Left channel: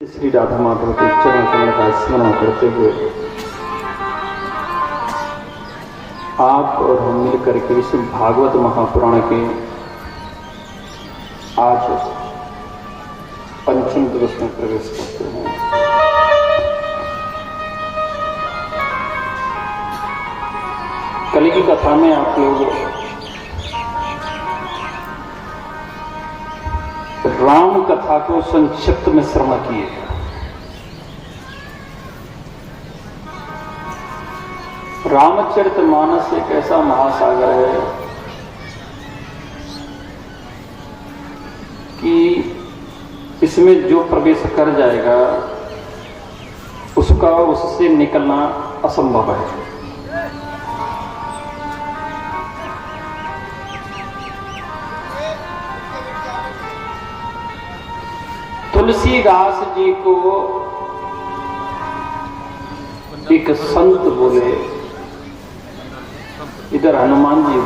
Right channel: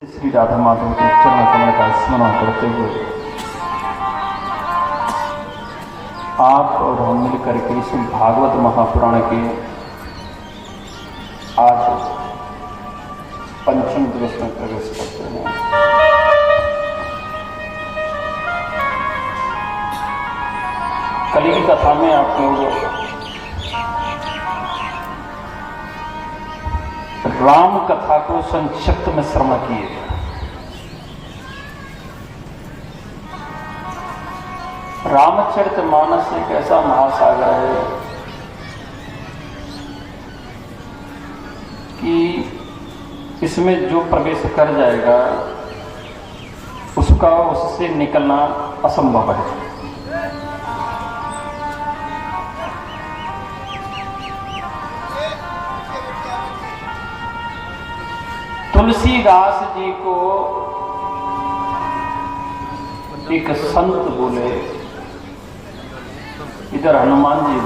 श्री राधा माधव के चरण कमल का स्मरण करते हुए आप और हम मिलकर के इस भागवत महापुराण के आज पंचम दिवस में प्रवेश करते हैं। कल की कथा में आप लोग राम कथा को संक्षिप्त में श्रवण किए। रामचरितमानस एक ऐसा महासागर है कि इसमें जो प्रवेश कर जाएगा उसका उससे निकलना असंभव है। तुलसीदास जी को एक संत बोले, इधर हनुमान जी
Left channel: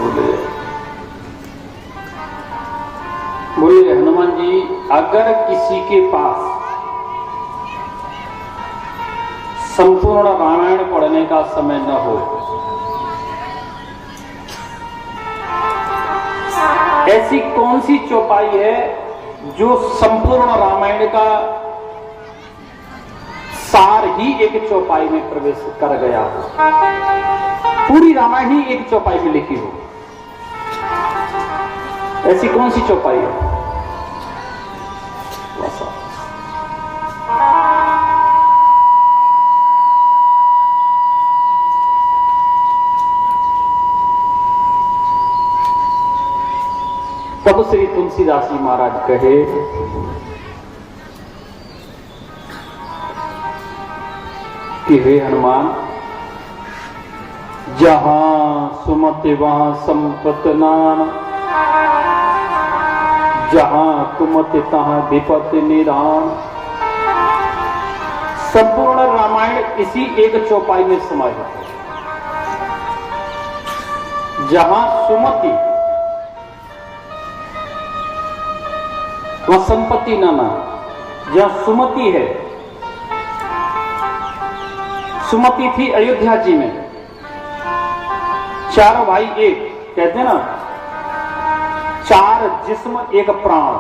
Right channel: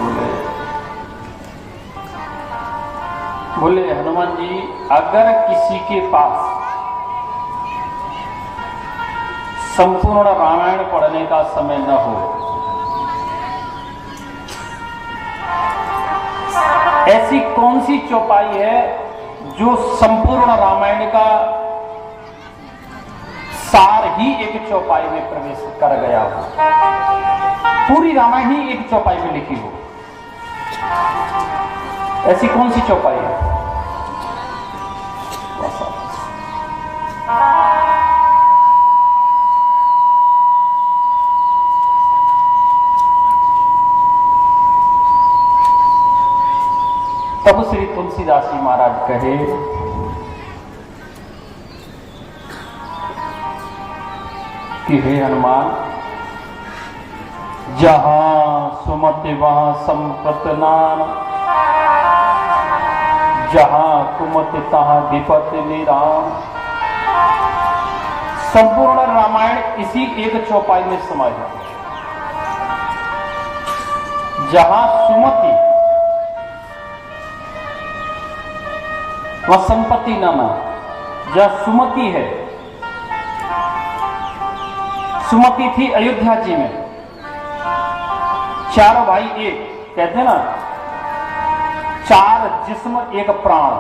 बोले हनुमान जी, अगर किसी के पास संपूर्ण रामायण पढ़ने का समय न हो, ऐसी कौन सी चौपाई है जो संपूर्ण रामायण का सार ही एक चौपाई में प्रवेश कर गया हो, पूरी रामायण ही एक चौपाई में लिखी हो, ऐसी कौन सी चौपाई है? तब श्री तुलसीदास जी महाराज कहे, कि हे हनुमान, जहां सुमति वहां संपत नाम, जहां कुमति तहां विपत्ति निराम। संपूर्ण रामायण इसी एक चौपाई में समाहित है। जहां सुमति वह संपत्ति नाना, जहां सुमति है, सुमति थी अयोध्या जी में, चारों भाई एक, कहते हैं ना, चार जिस्म एक प्राण,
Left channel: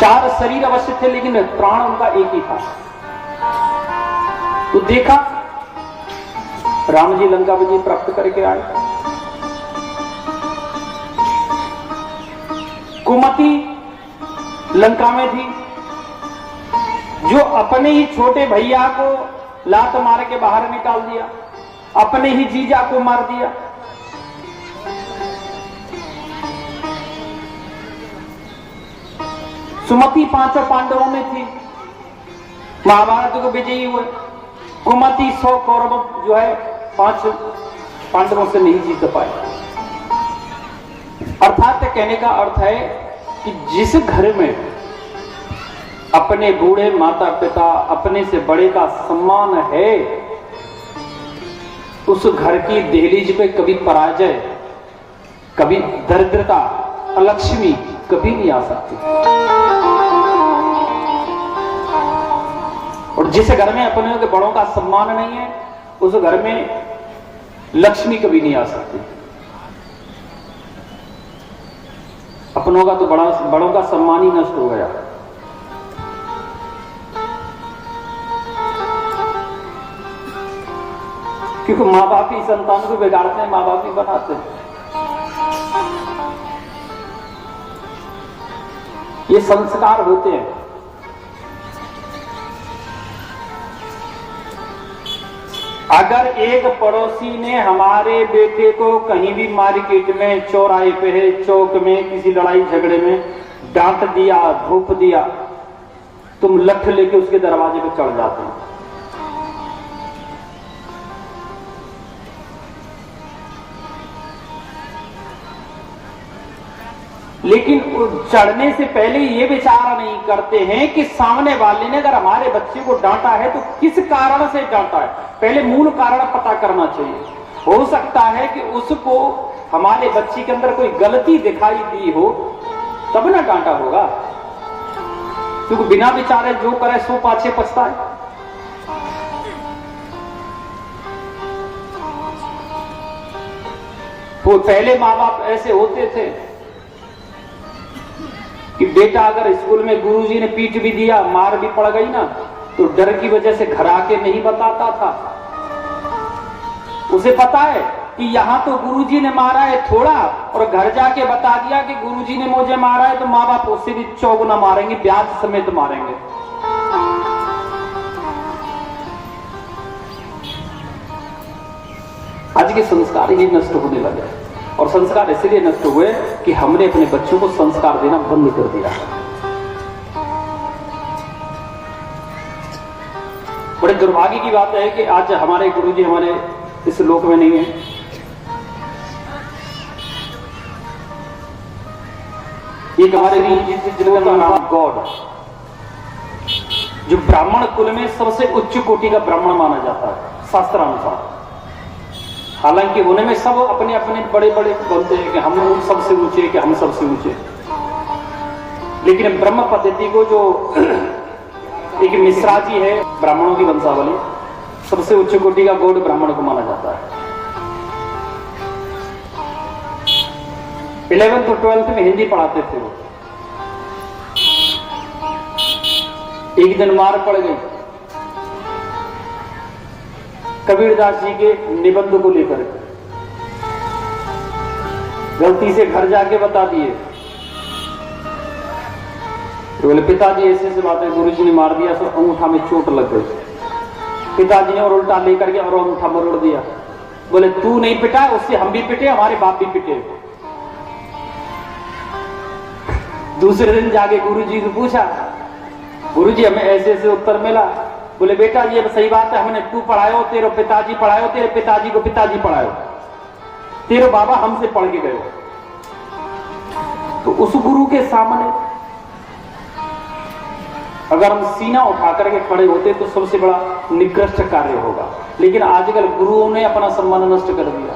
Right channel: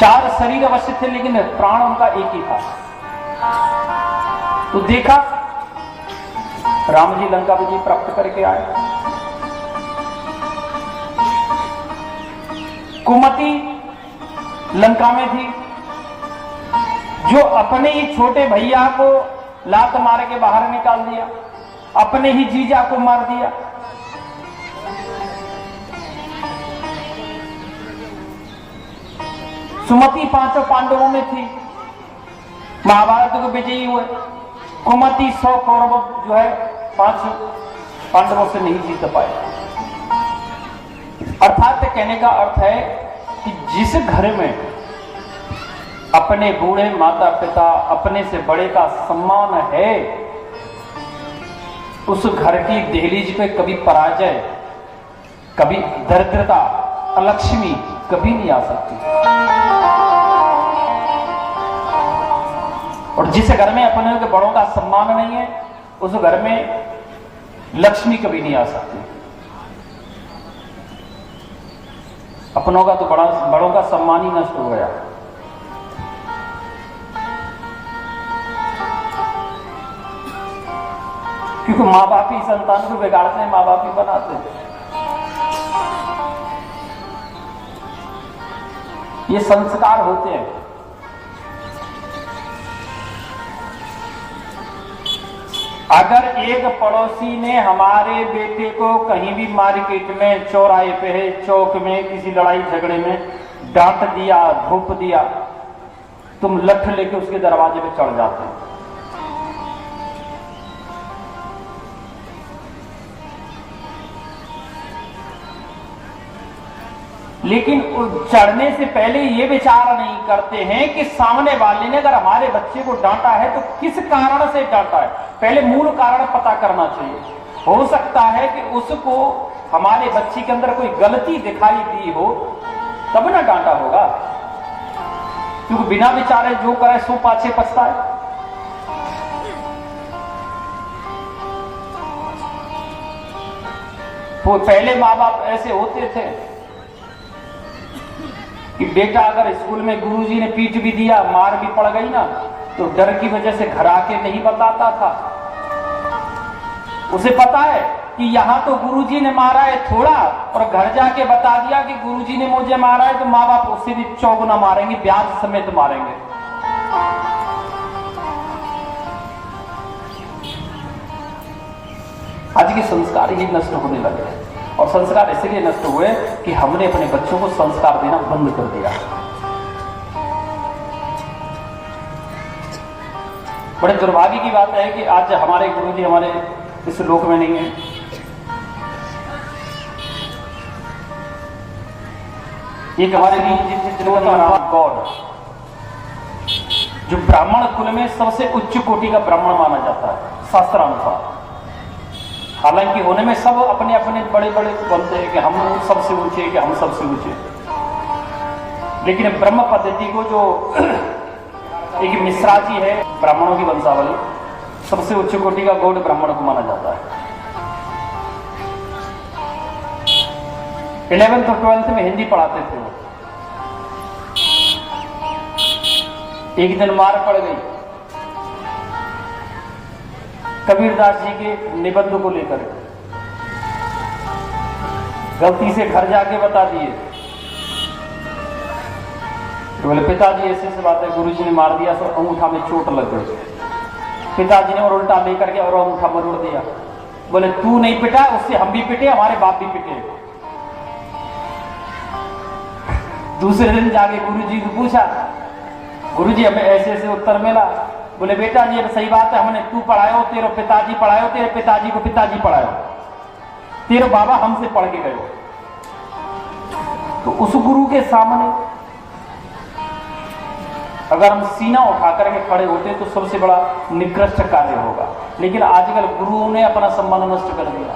चार शरीर अवश्य थे लेकिन प्राण उनका एक ही था। तो देखा राम जी लंका विजय प्राप्त करके आए, कुमति लंका में थी, जो अपने ही छोटे भैया को लात मार के बाहर निकाल दिया, अपने ही जीजा को मार दिया। सुमति पांचों पांडवों में थी, महाभारत को विजयी हुए। कुमति 100 कौरव जो है 5 पांडवों से नहीं जीत पाए। अर्थात कहने का अर्थ है कि जिस घर में अपने बूढ़े माता पिता, अपने से बड़े का सम्मान है, उस घर की दहलीज पे कभी पराजय, कभी दरिद्रता, अलक्ष्मी कभी नहीं आ सकती। और जिस घर में अपने के बड़ों का सम्मान नहीं है, उस घर में लक्ष्मी कभी नहीं आ सकती। अपनों का तो बड़ों का सम्मान ही नष्ट हो गया। क्योंकि माँ बाप ही संतान को बिगाड़ते हैं, माँ बाप ही बनाते हैं। ये संस्कार होते हैं। अगर एक पड़ोसी ने हमारे बेटे को कहीं भी मार्केट में, चौराहे पे है, चौक में, किसी लड़ाई झगड़े में डांट दिया, धूप दिया, तुम लठ लेके उसके दरवाजे पे चढ़ जाते हैं। लेकिन चढ़ने से पहले ये विचार नहीं करते हैं कि सामने वाले ने अगर हमारे बच्चे को डांटा है तो किस कारण से डांटा है। पहले मूल कारण पता करना चाहिए। हो सकता है कि उसको हमारे बच्चे के अंदर कोई गलती दिखाई दी हो, तब ना डांटा होगा। क्योंकि बिना विचारे जो करे सो पाछे पछताए। वो पहले माँ बाप ऐसे होते थे कि बेटा अगर स्कूल में गुरुजी ने पीट भी दिया, मार भी पड़ गई ना, तो डर की वजह से घर आके नहीं बताता था। उसे पता है कि यहां तो गुरुजी ने मारा है थोड़ा, और घर जाके बता दिया कि गुरुजी ने मुझे मारा है, तो माँ बाप उससे भी चौगुना मारेंगे, ब्याज समेत मारेंगे। आज के संस्कार ही नष्ट होने लगे, और संस्कार इसलिए नष्ट हुए कि हमने अपने बच्चों को संस्कार देना बंद कर दिया। बड़े दुर्भाग्य की बात है कि आज हमारे गुरुजी हमारे इस लोक में नहीं है। एक हमारे लिए गॉड, जो ब्राह्मण कुल में सबसे उच्च कोटि का ब्राह्मण माना जाता है शास्त्रानुसार। हालांकि होने में सब अपने अपने बड़े बड़े बनते हैं कि हम लोग सबसे ऊंचे, कि हम सबसे ऊंचे, लेकिन ब्रह्म पद्धति को जो एक मिश्रा जी है ब्राह्मणों की वंशावली, सबसे उच्च कोटि का गौड़ ब्राह्मण को माना जाता है। 11th और 12th में हिंदी पढ़ाते थे वो। एक दिन मार पड़ गई कबीरदास जी के निबंध को लेकर, गलती से घर जाके बता दिए। तो बोले पिताजी ऐसे बात है, गुरु जी ने मार दिया, तो अंगूठा में चोट लग गई। पिताजी ने और उल्टा लेकर के और अंगूठा मरोड़ दिया। बोले तू नहीं पिटा, उससे हम भी पिटे, हमारे बाप भी पिटे। दूसरे दिन जाके गुरु जी को पूछा, गुरु जी हमें ऐसे ऐसे उत्तर मिला। बोले बेटा ये सही बात है, हमने तू पढ़ायो, तेरे पिताजी पढ़ायो, तेरे पिताजी को पिताजी पढ़ायो, तेरे बाबा हमसे पढ़ के गए। तो उस गुरु के सामने अगर हम सीना उठा करके खड़े होते तो सबसे बड़ा निकृष्ट कार्य होगा, लेकिन आजकल गुरुओं ने अपना सम्मान नष्ट कर दिया।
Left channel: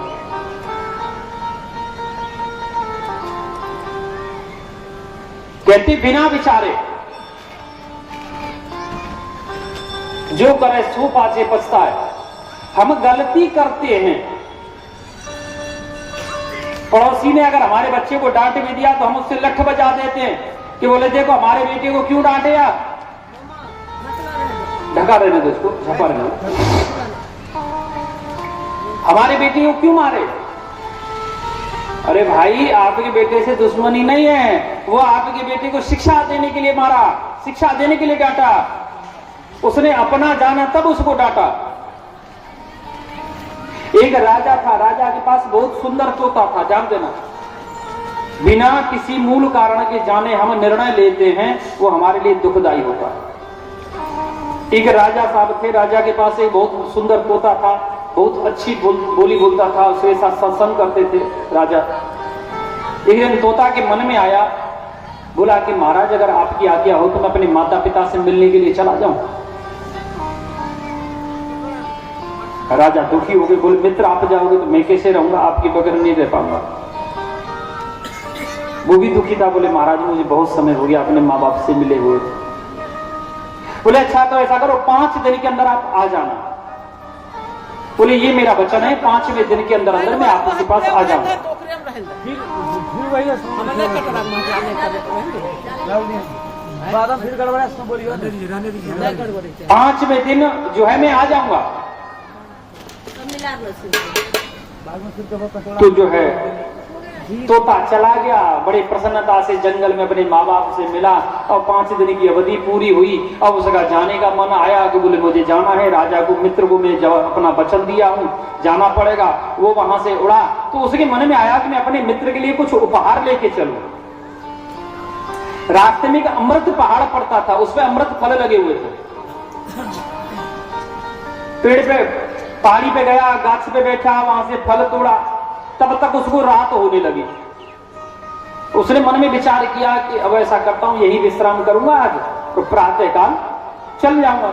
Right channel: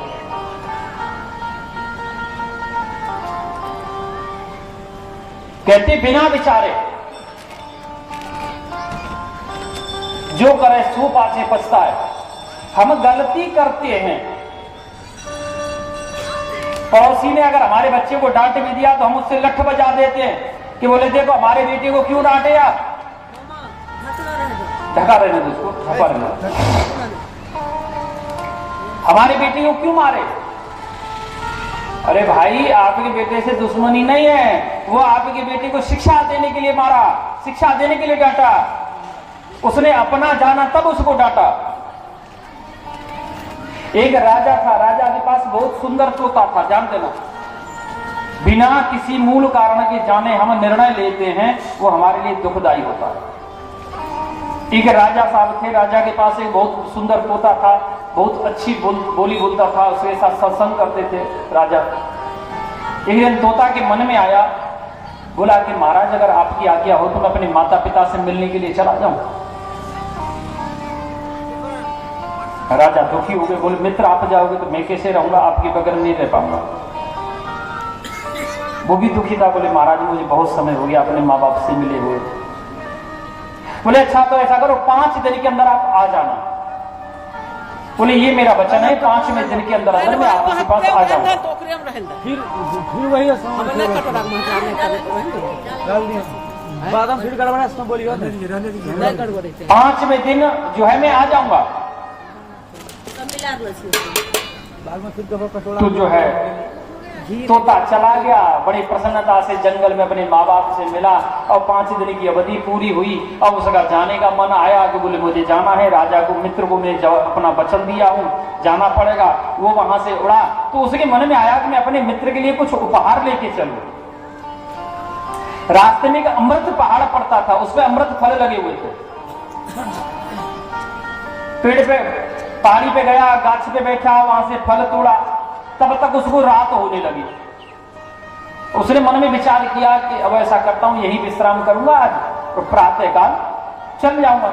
कहते बिना विचारे जो करे सो पाछे पछता है। हम गलती करते हैं, पड़ोसी ने अगर हमारे बच्चे को डांट भी दिया तो हम उससे लठ बजा देते हैं कि बोले देखो हमारे बेटे को क्यों डांटे आप, ढका रहने दो उसको, ढका रहने, हमारे बेटे को क्यों मारे। अरे भाई आपके बेटे से दुश्मनी नहीं है, वो आपके बेटे को शिक्षा देने के लिए मारा, शिक्षा देने के लिए डांटा, उसने अपना जाना तब उसको डांटा। एक राजा था, राजा के पास बहुत सुंदर तोता था, जान देना। बिना किसी मूल कारण के जाने हम निर्णय लेते हैं वो हमारे लिए दुखदायी होता है। एक राजा साहब थे, राजा के पास एक बहुत सुंदर तोता था, बहुत अच्छी बोली बोलता था, उसके साथ सत्संग करते थे राजा। एक दिन तोता के मन में आया, बोला कि महाराज अगर आपकी आज्ञा हो तो मैं अपने माता पिता से मिलने के लिए चला जाऊं। राजा दुखी हो गए, बोले मित्र आप जाओगे तो मैं कैसे रहूंगा, आपके बगैर नहीं रह पाऊंगा। वो भी दुखी था, बोले महाराज मुझे बहुत समय हो गया अपने माँ बाप से मिले हुए। बोले अच्छा तो ऐसा करो 5 दिन के अंदर आप आ जाना। बोले ये मेरा वचन है, 5वें दिन के अंदर अंदर मैं आपके पास आ जाऊंगा। 5वें दिन जो है मैं आ जाऊंगा। तो जो है तोता चला गया, बड़ी प्रसन्नता से जंगल में अपने माँ बाप से मिला, और 5 दिन की अवधि पूरी हुई। अब उसका जाने का मन आया कि बोले मुझे जाना है, राजा को मित्र को मैं जब अपना वचन दिया हूँ जाना पड़ेगा। वो वहां से उड़ा, तो उसके मन में आया कि मैं अपने मित्र के लिए कुछ उपहार लेके चलूं। रास्ते में एक अमृत पहाड़ पड़ता था, उसपे अमृत फल लगे हुए थे। पेड़ पे पहाड़ी पे गया, गाछ पे बैठा, वहां से फल तोड़ा, तब तक उसको रात होने लगी। उसने मन में विचार किया कि अब ऐसा करता हूं, यही विश्राम करूंगा आज, तो प्रातः काल चल जाऊंगा।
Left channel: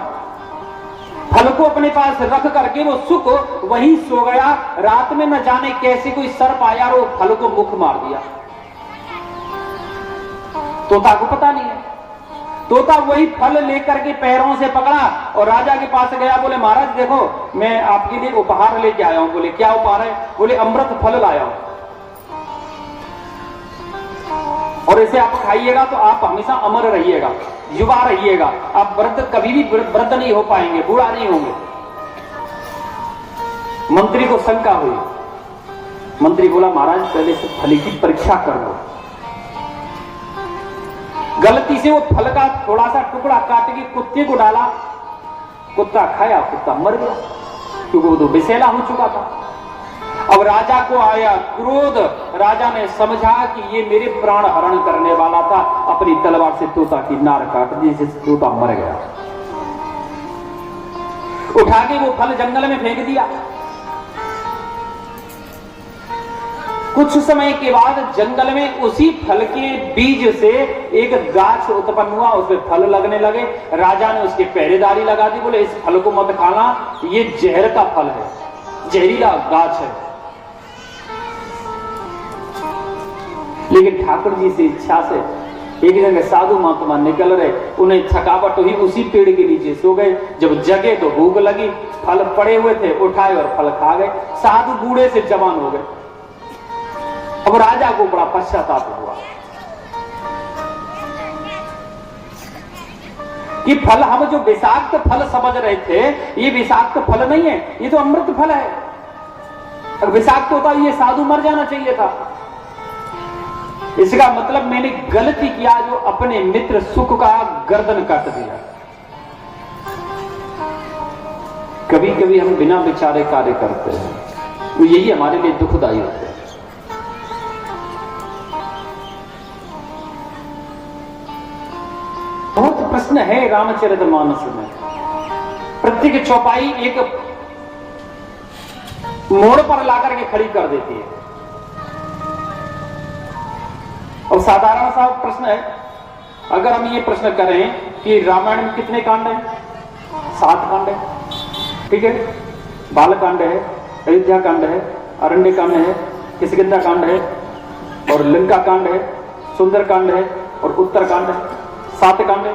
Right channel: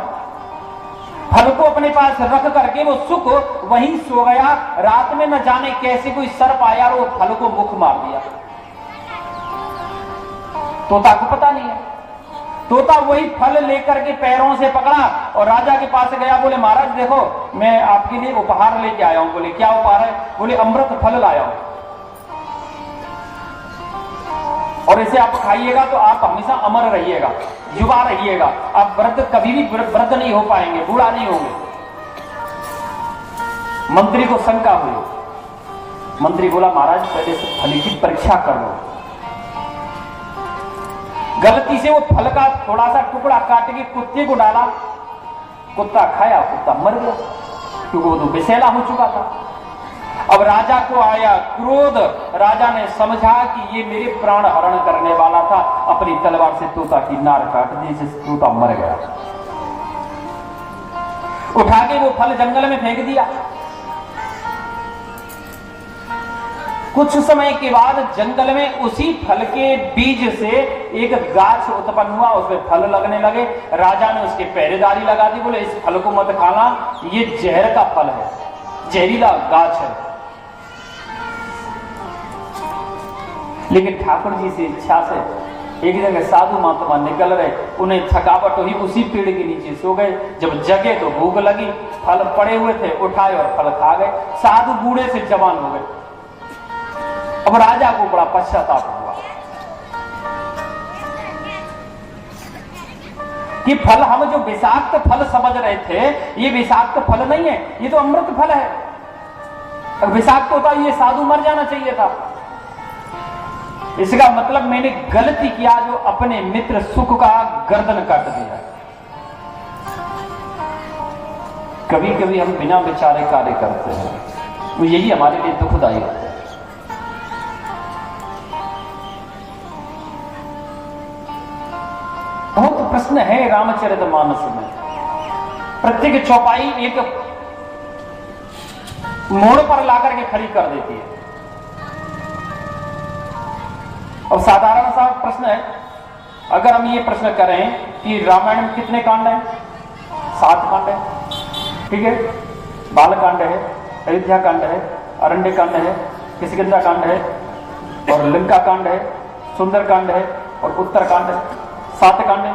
फल को अपने पास रख करके वो सुख वहीं सो गया। रात में न जाने कैसे कोई सर्प आया और वो फल को मुख मार दिया। तोता को पता नहीं है। तोता वही फल लेकर के पैरों से पकड़ा और राजा के पास गया। बोले महाराज देखो मैं आपके लिए उपहार लेके आया हूं। बोले क्या उपहार है? बोले अमृत फल लाया हूं और इसे आप खाइएगा तो आप हमेशा अमर रहिएगा, युवा रहिएगा, आप वृद्ध कभी भी वृद्ध नहीं हो पाएंगे, बूढ़ा नहीं होंगे। मंत्री को शंका हुई। मंत्री बोला महाराज पहले से फल की परीक्षा कर लो। गलती से वो फल का थोड़ा सा टुकड़ा काट के कुत्ते को डाला, कुत्ता खाया, कुत्ता मर गया क्योंकि वो तो विषैला हो चुका था। अब राजा को आया क्रोध। राजा ने समझा कि ये मेरे प्राण हरण करने वाला था, अपनी तलवार से तोता की नार काट दी, जिससे तोता मर गया। उठा के वो फल जंगल में फेंक दिया। कुछ समय के बाद जंगल में उसी फल के बीज से एक गाछ उत्पन्न हुआ, उसमें फल लगने लगे। राजा ने उसकी पहरेदारी लगा दी। बोले इस फल को मत खाना, ये जहर का फल है, जहरीला गाछ है। लेकिन ठाकुर जी से इच्छा से एक जगह साधु महात्मा निकल रहे, उन्हें थकावट हुई, उसी पेड़ के नीचे सो गए। जब जगे तो भूख लगी, फल पड़े हुए थे, उठाए और फल खा गए। साधु बूढ़े से जवान हो गए। अब राजा को बड़ा पश्चाताप हुआ कि फल हम जो विषाक्त फल समझ रहे थे, ये विषाक्त फल नहीं है, ये तो अमृत फल है। अगर विषाक्त होता ये साधु मर जाना चाहिए था। इसका मतलब मैंने गलती किया जो अपने मित्र सुख का गर्दन काट दिया। कभी कभी हम बिना विचारे कार्य करते हैं, तो यही हमारे लिए दुखदायी होता है। बहुत प्रश्न है रामचरितमानस में। प्रत्येक चौपाई एक मोड़ पर लाकर के खड़ी कर देती है। और साधारण सा प्रश्न है, अगर हम ये प्रश्न करें कि रामायण में कितने कांड हैं? 7 कांड है, ठीक है। बाल कांड है, अयोध्या कांड है, अरण्य कांड है, किष्किंधा कांड है और लंका कांड है, सुंदर कांड है और उत्तर कांड है। 7 कांड है।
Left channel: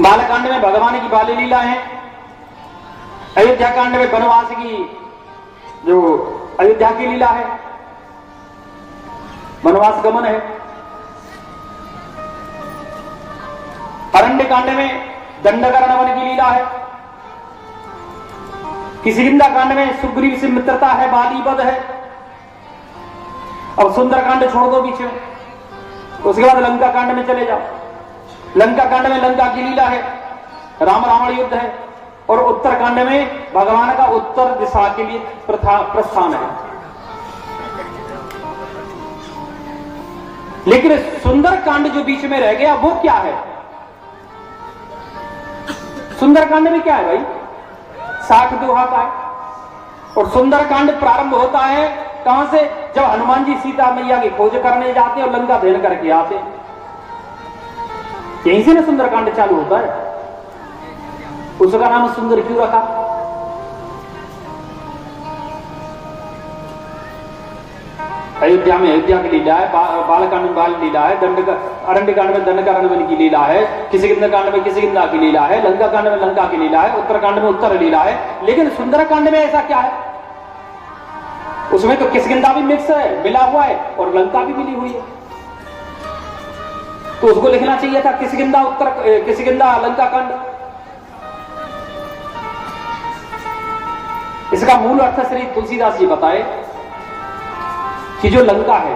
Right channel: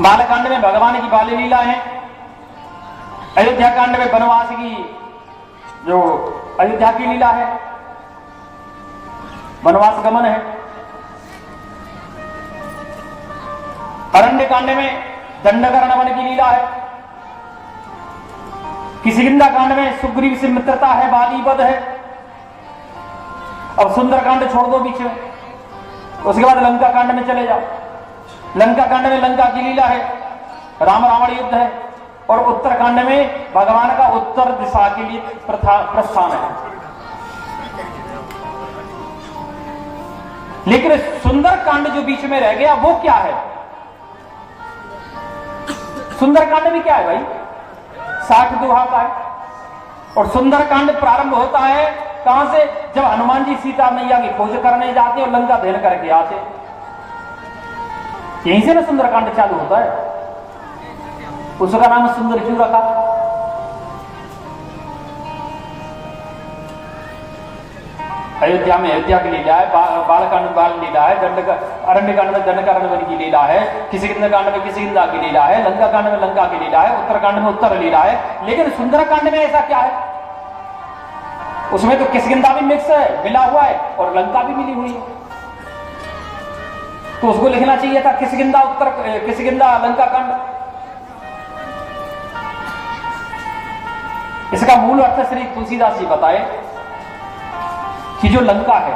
बाल कांड में भगवान की बाल लीला है। अयोध्या कांड में वनवास की जो अयोध्या की लीला है, वनवास गमन है। अरण्य कांड में दंडकारण्य की लीला है। किष्किंधा कांड में सुग्रीव से मित्रता है, बाली वध है। और सुंदर कांड छोड़ दो पीछे, उसके बाद लंका कांड में चले जाओ। लंका कांड में लंका की लीला है, राम रावण युद्ध है। और उत्तर कांड में भगवान का उत्तर दिशा के लिए प्रस्थान है। लेकिन सुंदर कांड जो बीच में रह गया वो क्या है? सुंदर कांड में क्या है भाई? 60 दोहा का है। और सुंदर कांड प्रारंभ होता है कहां से? जब हनुमान जी सीता मैया की खोज करने जाते हैं और लंका भेद करके आते हैं, यहीं से ना सुंदर कांड चालू होता है। उसका नाम सुंदर क्यों रखा? अयोध्या में अयोध्या की लीला है, बालकांड में बाल लीला है, अरण्य कांड में दंडकारण्य की लीला है, किष्किंधा कांड में किष्किंधा की लीला है, लंका कांड में लंका की लीला है, उत्तर कांड में उत्तर लीला है। लेकिन सुंदर कांड में ऐसा क्या है? उसमें तो किष्किंधा भी मिक्स है, मिला हुआ है, और लंका भी मिली हुई है। तो उसको लिखना चाहिए था किष्किंधा लंका कांड। इसका मूल अर्थ श्री तुलसीदास जी बताए कि जो लंका है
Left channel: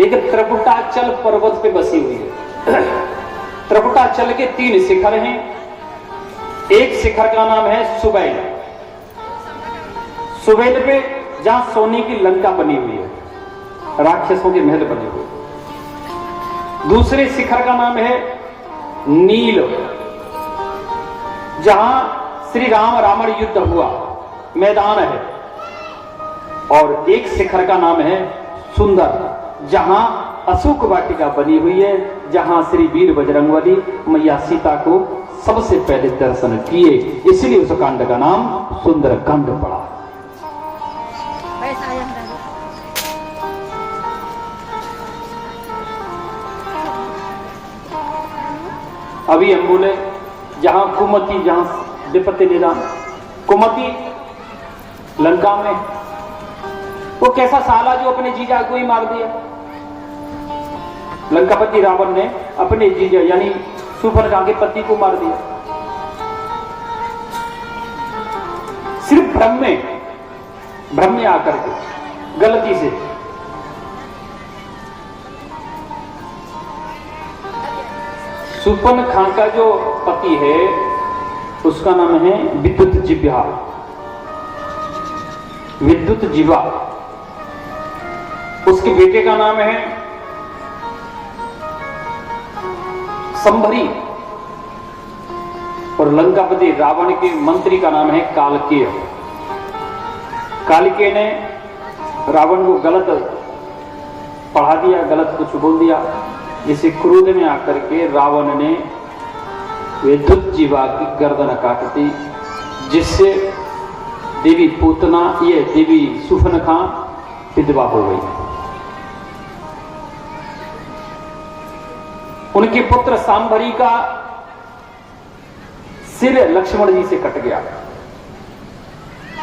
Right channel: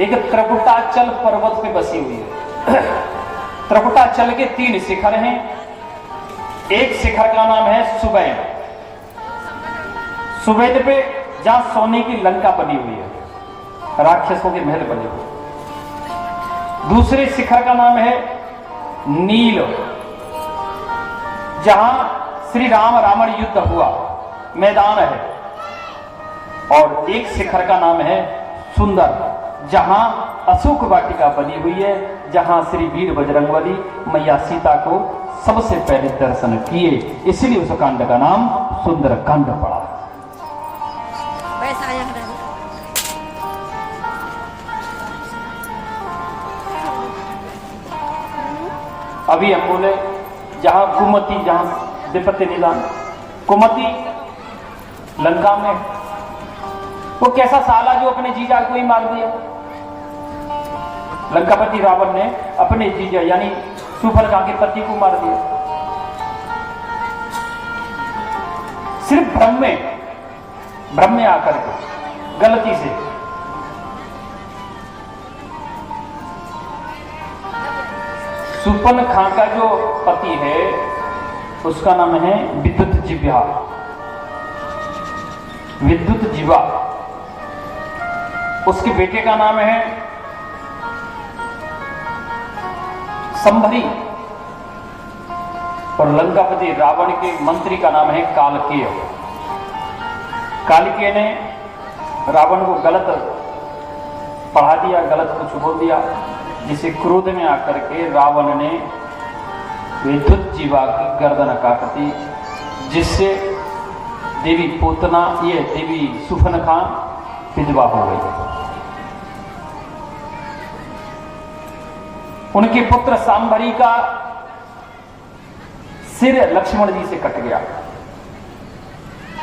एक त्रिकुटाचल पर्वत पे बसी हुई है। त्रिकुटाचल के 3 शिखर हैं। एक शिखर का नाम है सुबैल, सुबैल पे जहां सोने की लंका बनी हुई है, राक्षसों के महल बने हुए। दूसरे शिखर का नाम है नील, जहां श्री राम रावण युद्ध हुआ, मैदान है। और एक शिखर का नाम है सुंदर, जहां अशोक वाटिका बनी हुई है, जहां श्री वीर बजरंगबली मैया सीता को सबसे पहले दर्शन किए। इसलिए उस कांड का नाम सुंदर कांड पड़ा। अभी हम बोले जहां कुमति, जहां विपत्ति निदान, कुमति लंका में वो कैसा साला जो अपने जीजा को ही मार दिया। लंकापति रावण ने अपने जीजा यानी शूर्पणखा के पति को मार दिया, सिर्फ भ्रम में आकर के, गलती से। शूर्पणखा का जो पति है उसका नाम है विद्युत जीवा। उसके बेटे का नाम है संभरी और लंकापति रावण के मंत्री का नाम है कालकेय। कालकेय ने रावण को गलत पढ़ा दिया, गलत कुछ बोल दिया, जिसे क्रोध में आकर के रावण ने विद्युत जीवा की गर्दन काट दी, जिससे देवी पूतना, ये देवी शूर्पणखा विधवा हो गई। उनके पुत्र सांभरी का सिर लक्ष्मण जी से कट गया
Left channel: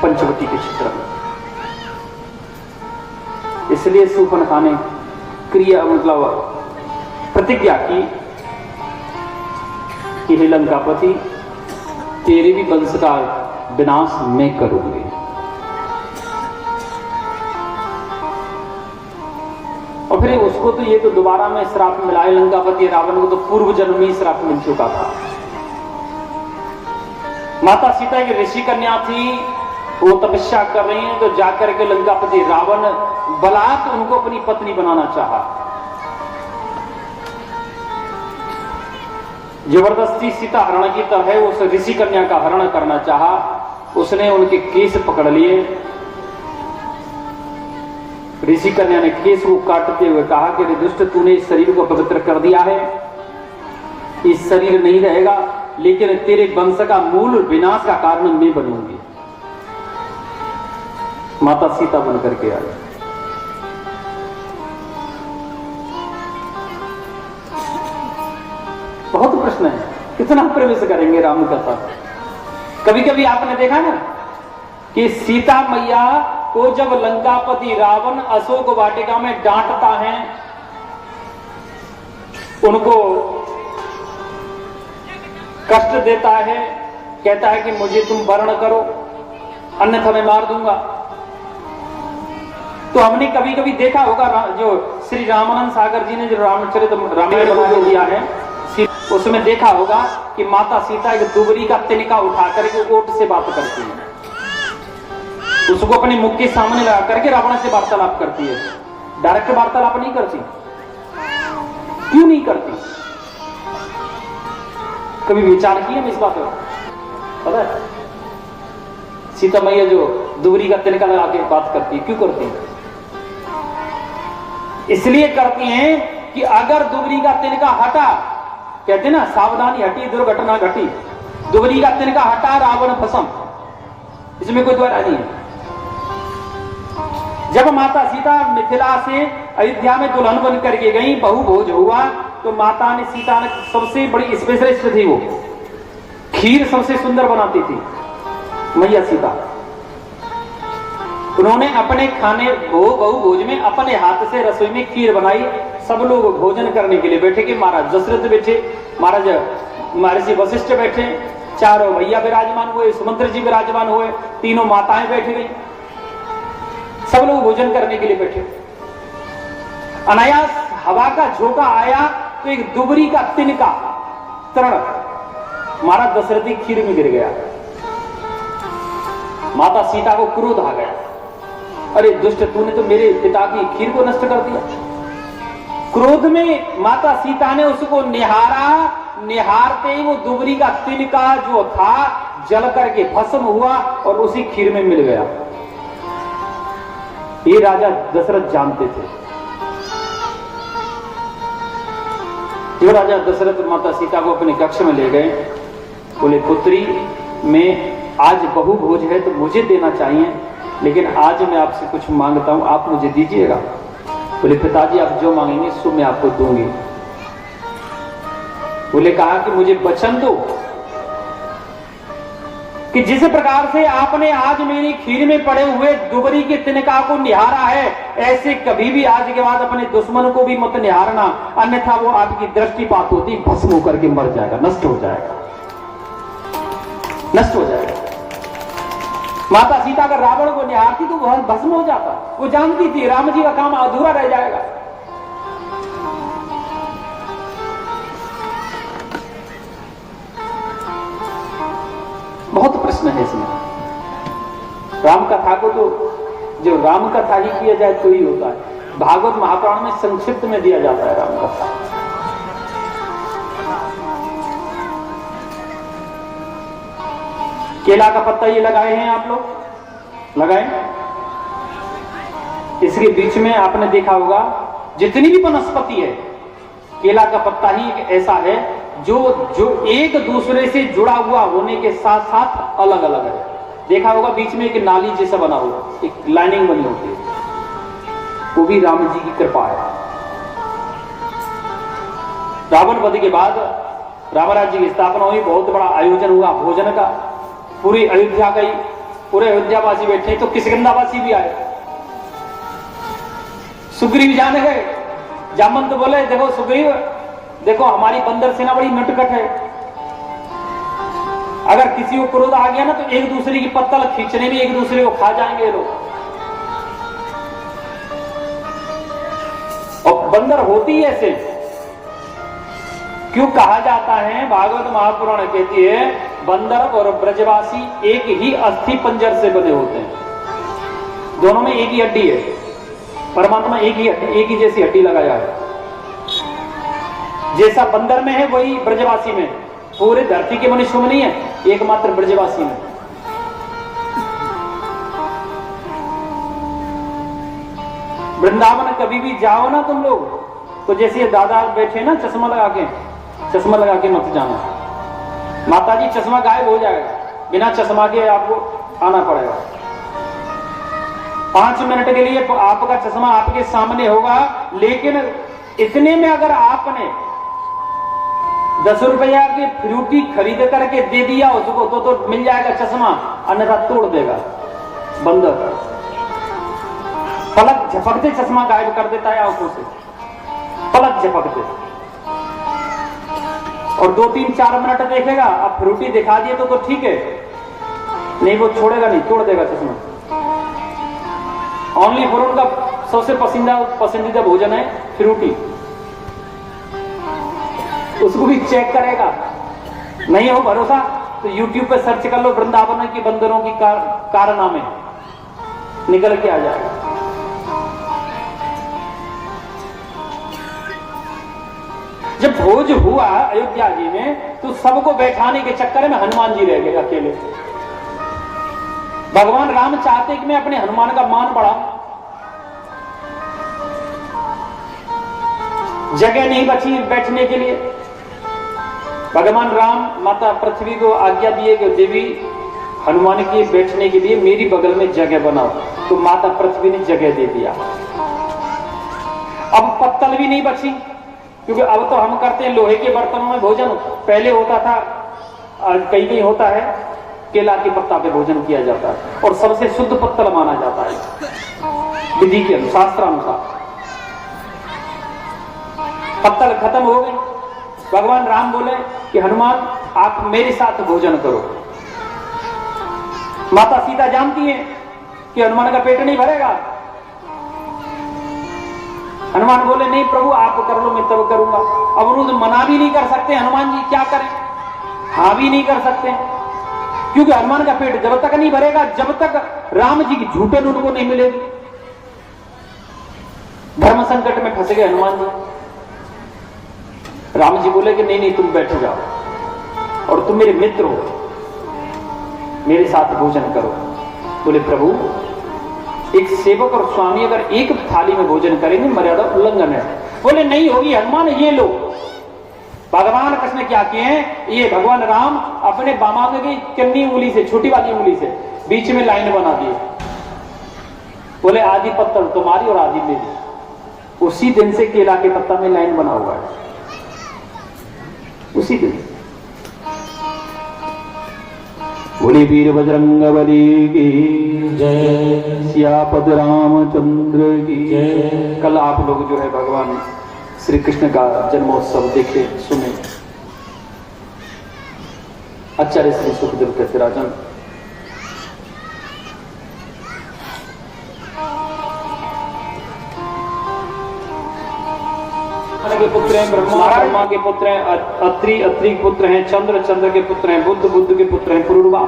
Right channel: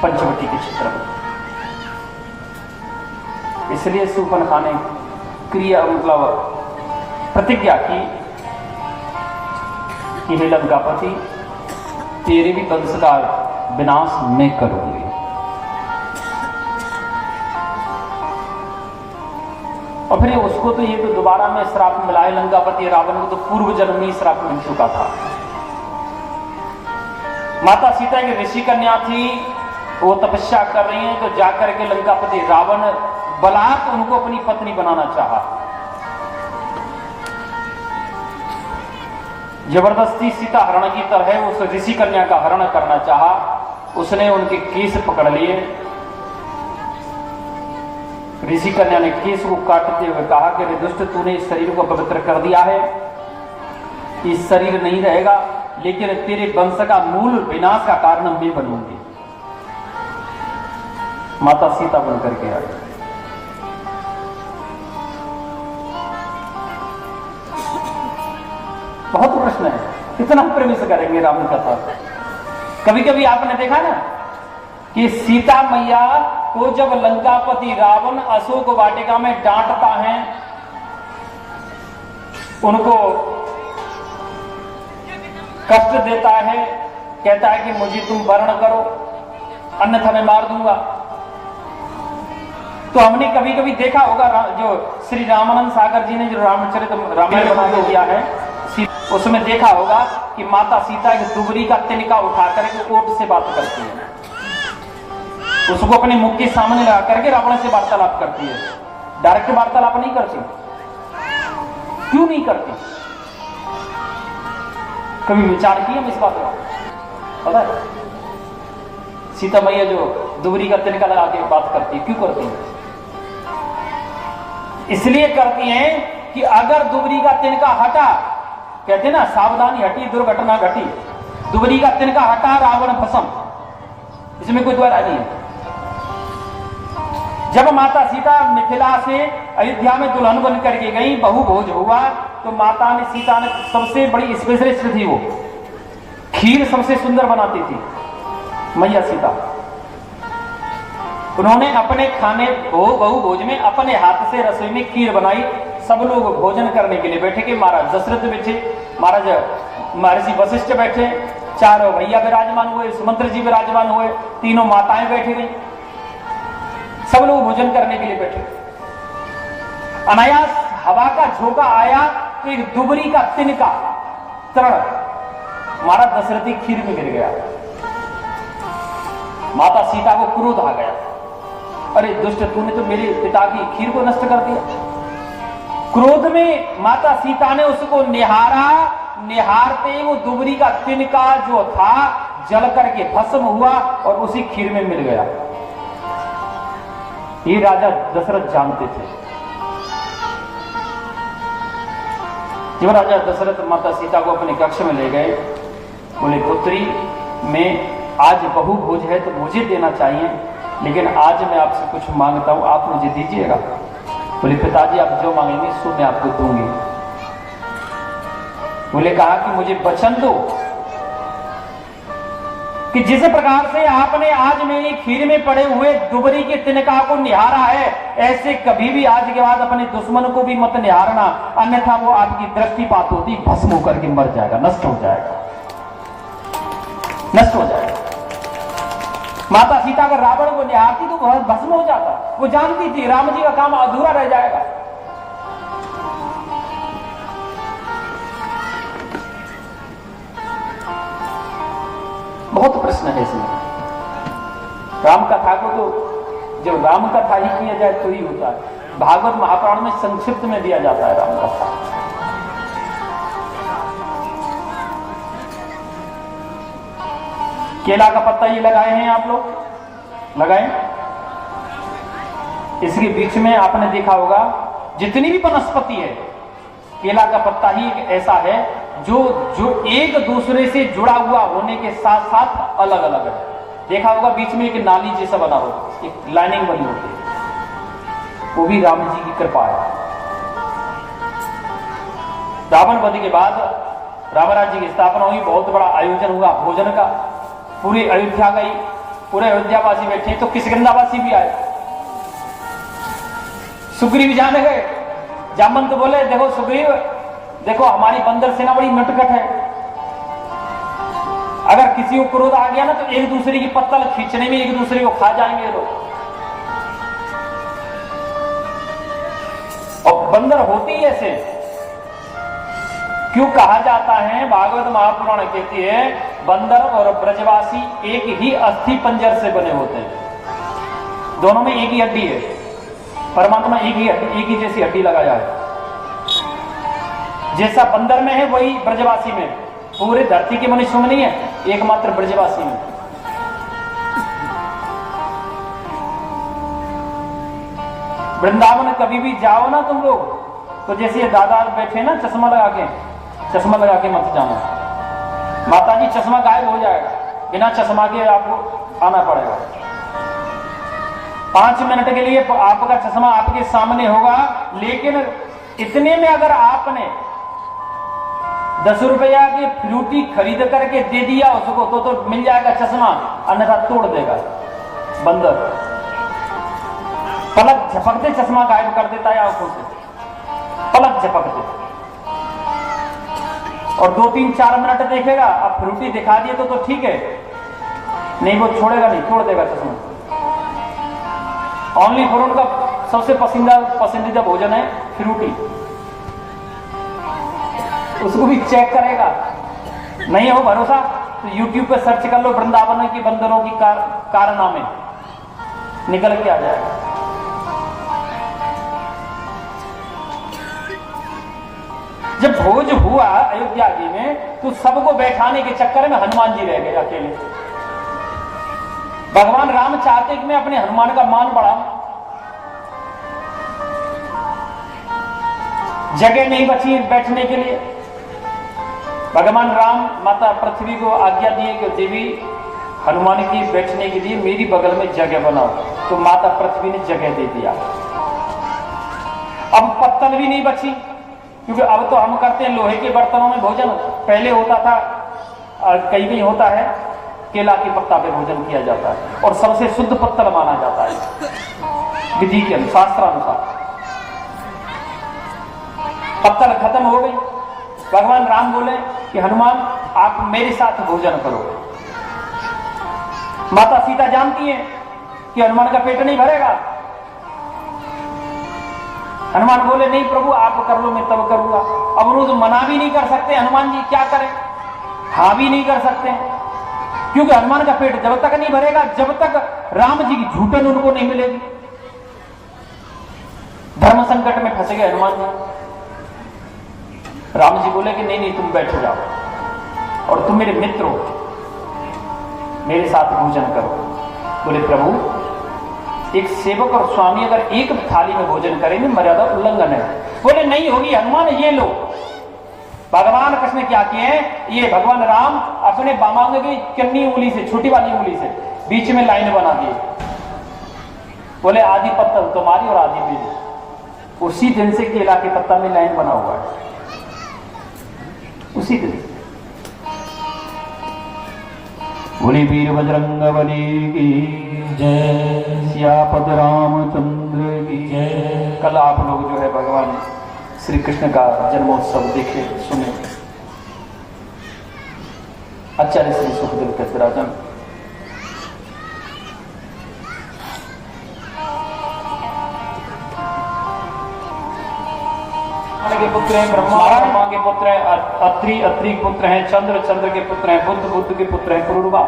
पंचवटी के क्षेत्र में। इसलिए शूर्पणखा ने क्रिया मतलब प्रतिज्ञा की कि हे लंकापति, तेरे भी वंश का विनाश मैं करूंगी। और फिर उसको तो ये तो दोबारा में श्राप मिला है, लंकापति रावण को तो पूर्व जन्म में ही श्राप मिल चुका था। माता सीता एक ऋषि कन्या थी, वो तपस्या कर रही है, तो जाकर के लंकापति रावण बलात् उनको अपनी पत्नी बनाना चाहा। जबरदस्ती सीता हरण की तरह उस ऋषि कन्या का हरण करना चाहा। उसने उनके केस पकड़ लिए। ऋषि कन्या ने केस को काटते हुए कहा कि रे दुष्ट, तूने इस शरीर को पवित्र कर दिया है, इस शरीर नहीं रहेगा, लेकिन तेरे वंश का मूल विनाश का कारण मैं बनूंगी। माता सीता बन करके आई। बहुत प्रश्न है, कितना प्रवेश करेंगे राम कथा। कभी कभी आपने देखा ना कि सीता मैया को जब लंकापति रावण अशोक वाटिका में डांटता है, उनको कष्ट देता है, कहता है कि मुझे तुम वर्ण करो अन्यथा मैं मार दूंगा, तो हमने कभी कभी देखा होगा जो श्री रामानंद सागर जी ने जो रामचरित रामायण दिया है, उसमें देखा होगा कि माता सीता एक दुबरी का तिनका उठा करके ओट से बात करती है, उसको अपने मुख के सामने लगा करके रावण से वार्तालाप करती है। डायरेक्ट वार्तालाप नहीं करती। क्यों नहीं करती? कभी विचार किए इस बात का? पता है सीता मैया जो दुबरी का तिनका लगा के बात करती है, क्यों करती है? इसलिए करती है कि अगर दुबरी का तिनका हटा, कहते ना सावधानी हटी दुर्घटना घटी, दुबरी का तिनका हटा रावण भस्म, इसमें कोई द्वारा नहीं है। जब माता सीता मिथिला से अयोध्या में दुल्हन बन करके गई, बहु भोज हुआ, तो माता ने सीता ने सबसे बड़ी स्पेशलिस्ट थी, वो खीर सबसे सुंदर बनाती थी मैया सीता। उन्होंने अपने खाने बहु भोज में अपने हाथ से रसोई में खीर बनाई। सब लोग भोजन करने के लिए बैठे कि महाराज दशरथ बैठे, महाराज महर्षि वशिष्ठ बैठे, चारों भैया विराजमान हुए, सुमंत्र जी विराजमान हुए, तीनों माताएं बैठी गई, सब लोग भोजन करने के लिए बैठे। अनायास हवा का झोंका आया तो एक दुबरी का तिनका तरण महाराज दशरथी खीर में गिर गया। माता सीता को क्रोध आ गया, अरे दुष्ट, तूने तो मेरे पिता की खीर को नष्ट कर दिया। क्रोध में माता सीता ने उसको निहारा, निहारते ही वो दुबरी का तिनका जो था जल करके भस्म हुआ और उसी खीर में मिल गया। ये राजा दशरथ जानते थे। जो राजा दशरथ माता सीता को अपने कक्ष में ले गए, बोले पुत्री, मैं आज बहु भोज है तो मुझे देना चाहिए, लेकिन आज मैं आपसे कुछ मांगता हूं, आप मुझे दीजिएगा। बोले पिताजी, आप जो मांगेंगे सो मैं आपको दूंगी। बोले कहा कि मुझे वचन दो कि जिस प्रकार से आपने आज मेरी खीर में पड़े हुए दुबरी के तिनका को निहारा है, ऐसे कभी भी आज के बाद अपने दुश्मन को भी मत निहारना, अन्यथा वो आपकी दृष्टिपात होती भस्म होकर के मर जाएगा, नष्ट हो जाएगा, नष्ट हो जाएगा। माता सीता अगर रावण को निहारती तो वह भस्म हो जाता। वो जानती थी राम जी का काम अधूरा रह जाएगा। बहुत प्रश्न है इसमें। राम कथा को तो जो राम कथा ही किया जाए तो ही होता है। भागवत महापुराण में संक्षिप्त में दिया जाता है राम कथा। केला का पत्ता ये लगाए हैं आप लोग, लगाए। इसके बीच में आपने देखा होगा जितनी भी वनस्पति है, केला का पत्ता ही एक ऐसा है जो एक दूसरे से जुड़ा हुआ होने के साथ साथ अलग अलग है। देखा होगा बीच में एक नाली जैसा बना हो, एक लाइनिंग बनी होती है, वो भी राम जी की कृपा है। रावण वध के बाद राम राज्य की स्थापना हुई, बहुत बड़ा आयोजन हुआ भोजन का, पूरी अयोध्या गई, पूरे अयोध्यावासी बैठे तो किष्किंधावासी भी आए। सुग्रीव जाने गए, जामवंत बोले देखो सुग्रीव, देखो हमारी बंदर सेना बड़ी नटखट है, अगर किसी को क्रोध आ गया ना तो एक दूसरे की पत्तल खींचने में एक दूसरे को खा जाएंगे लोग। और बंदर होती है ऐसे, क्यों कहा जाता है, भागवत महापुराण कहती है बंदर और ब्रजवासी एक ही अस्थि पंजर से बने होते हैं, दोनों में एक ही हड्डी है, परमात्मा एक ही जैसी हड्डी लगाया है। जैसा बंदर में है वही ब्रजवासी में, पूरे धरती के मनुष्य में नहीं है, एकमात्र ब्रजवासी में। वृंदावन कभी भी जाओ ना तुम लोग तो जैसे दादा बैठे ना चश्मा लगा के मत जाना। माता जी चश्मा गायब हो जाएगा, बिना चश्मा के आपको आना पड़ेगा। 5 मिनट के लिए आपका चश्मा आपके सामने होगा, लेकिन इतने में अगर आपने 10 रुपया की फ्रूटी खरीद करके दे दिया उसको तो मिल जाएगा चश्मा, अन्यथा तोड़ देगा बंदर। पलक झपकते चश्मा गायब कर देता है आंखों से, पलक झपकते। और 2-3-4 मिनट देखेगा, अब फ्रूटी दिखा दिए तो ठीक है, नहीं वो छोड़ेगा नहीं, तोड़ देगा चश्मा। ओनली फॉर उनका सबसे पसंदीदा भोजन है फ्रूटी, उसको भी चेक करेगा। नहीं हो भरोसा तो YouTube पे सर्च कर लो वृंदावन की बंदरों की कारनामे, निकल के आ जाएगा। जब भोज हुआ अयोध्या जी में तो सबको बैठाने के चक्कर में हनुमान जी रह गए अकेले। भगवान राम चाहते कि मैं अपने हनुमान का मान बढ़ाऊं, जगह नहीं बची बैठने के लिए। भगवान राम माता पृथ्वी को आज्ञा दिए कि देवी हनुमान के बैठने के लिए मेरी बगल में जगह बनाओ, तो माता पृथ्वी ने जगह दे दिया। अब पत्तल भी नहीं बची, क्योंकि अब तो हम करते हैं लोहे के बर्तनों में भोजन। पहले होता था, कहीं होता है केला के पत्ता पे भोजन किया जाता है और सबसे शुद्ध पत्तल माना जाता है विधि के अनुसार, शास्त्रानुसार। पत्तल खत्म हो गई, भगवान राम बोले कि हनुमान आप मेरे साथ भोजन करो। माता सीता जानती है कि हनुमान का पेट नहीं भरेगा। हनुमान बोले नहीं प्रभु आप कर लो, मैं तब करूंगा। अब वो तो मना भी नहीं कर सकते हनुमान जी, क्या करें, हाँ भी नहीं कर सकते, क्योंकि हनुमान का पेट जब तक नहीं भरेगा जब तक राम जी की झूठन उनको नहीं मिलेगी। धर्म संकट में फंस गए हनुमान जी। राम जी बोले कि नहीं तुम बैठ जाओ और तुम मेरे मित्र हो, मेरे साथ भोजन करो। बोले प्रभु एक सेवक और स्वामी अगर एक थाली में भोजन करेंगे मर्यादा उल्लंघन है। बोले नहीं होगी हनुमान, ये लो। भगवान कृष्ण ने क्या किए हैं, ये भगवान राम अपने बामांग की कन्नी उंगली से, छोटी वाली उंगली से बीच में लाइन बना दिए। बोले आधी पत्ता तुम्हारी और आधी मेरी। उसी दिन से केला के पत्ता में लाइन बना हुआ है। उसी दिन। बोले वीर बजरंग बली की जय, सियापत रामचंद्र की जय। कल आप लोग जो है भगवान श्री कृष्ण का जन्मोत्सव देखे सुने। आचार्य श्री सुखदेव कहते राजन, के पुत्र हैं ब्रह्मा, ब्रह्मा के पुत्र हैं अत्रि, अत्रि के पुत्र हैं चंद्र, चंद्र के पुत्र हैं बुद्ध, बुद्ध के पुत्र हैं पुरुरवा।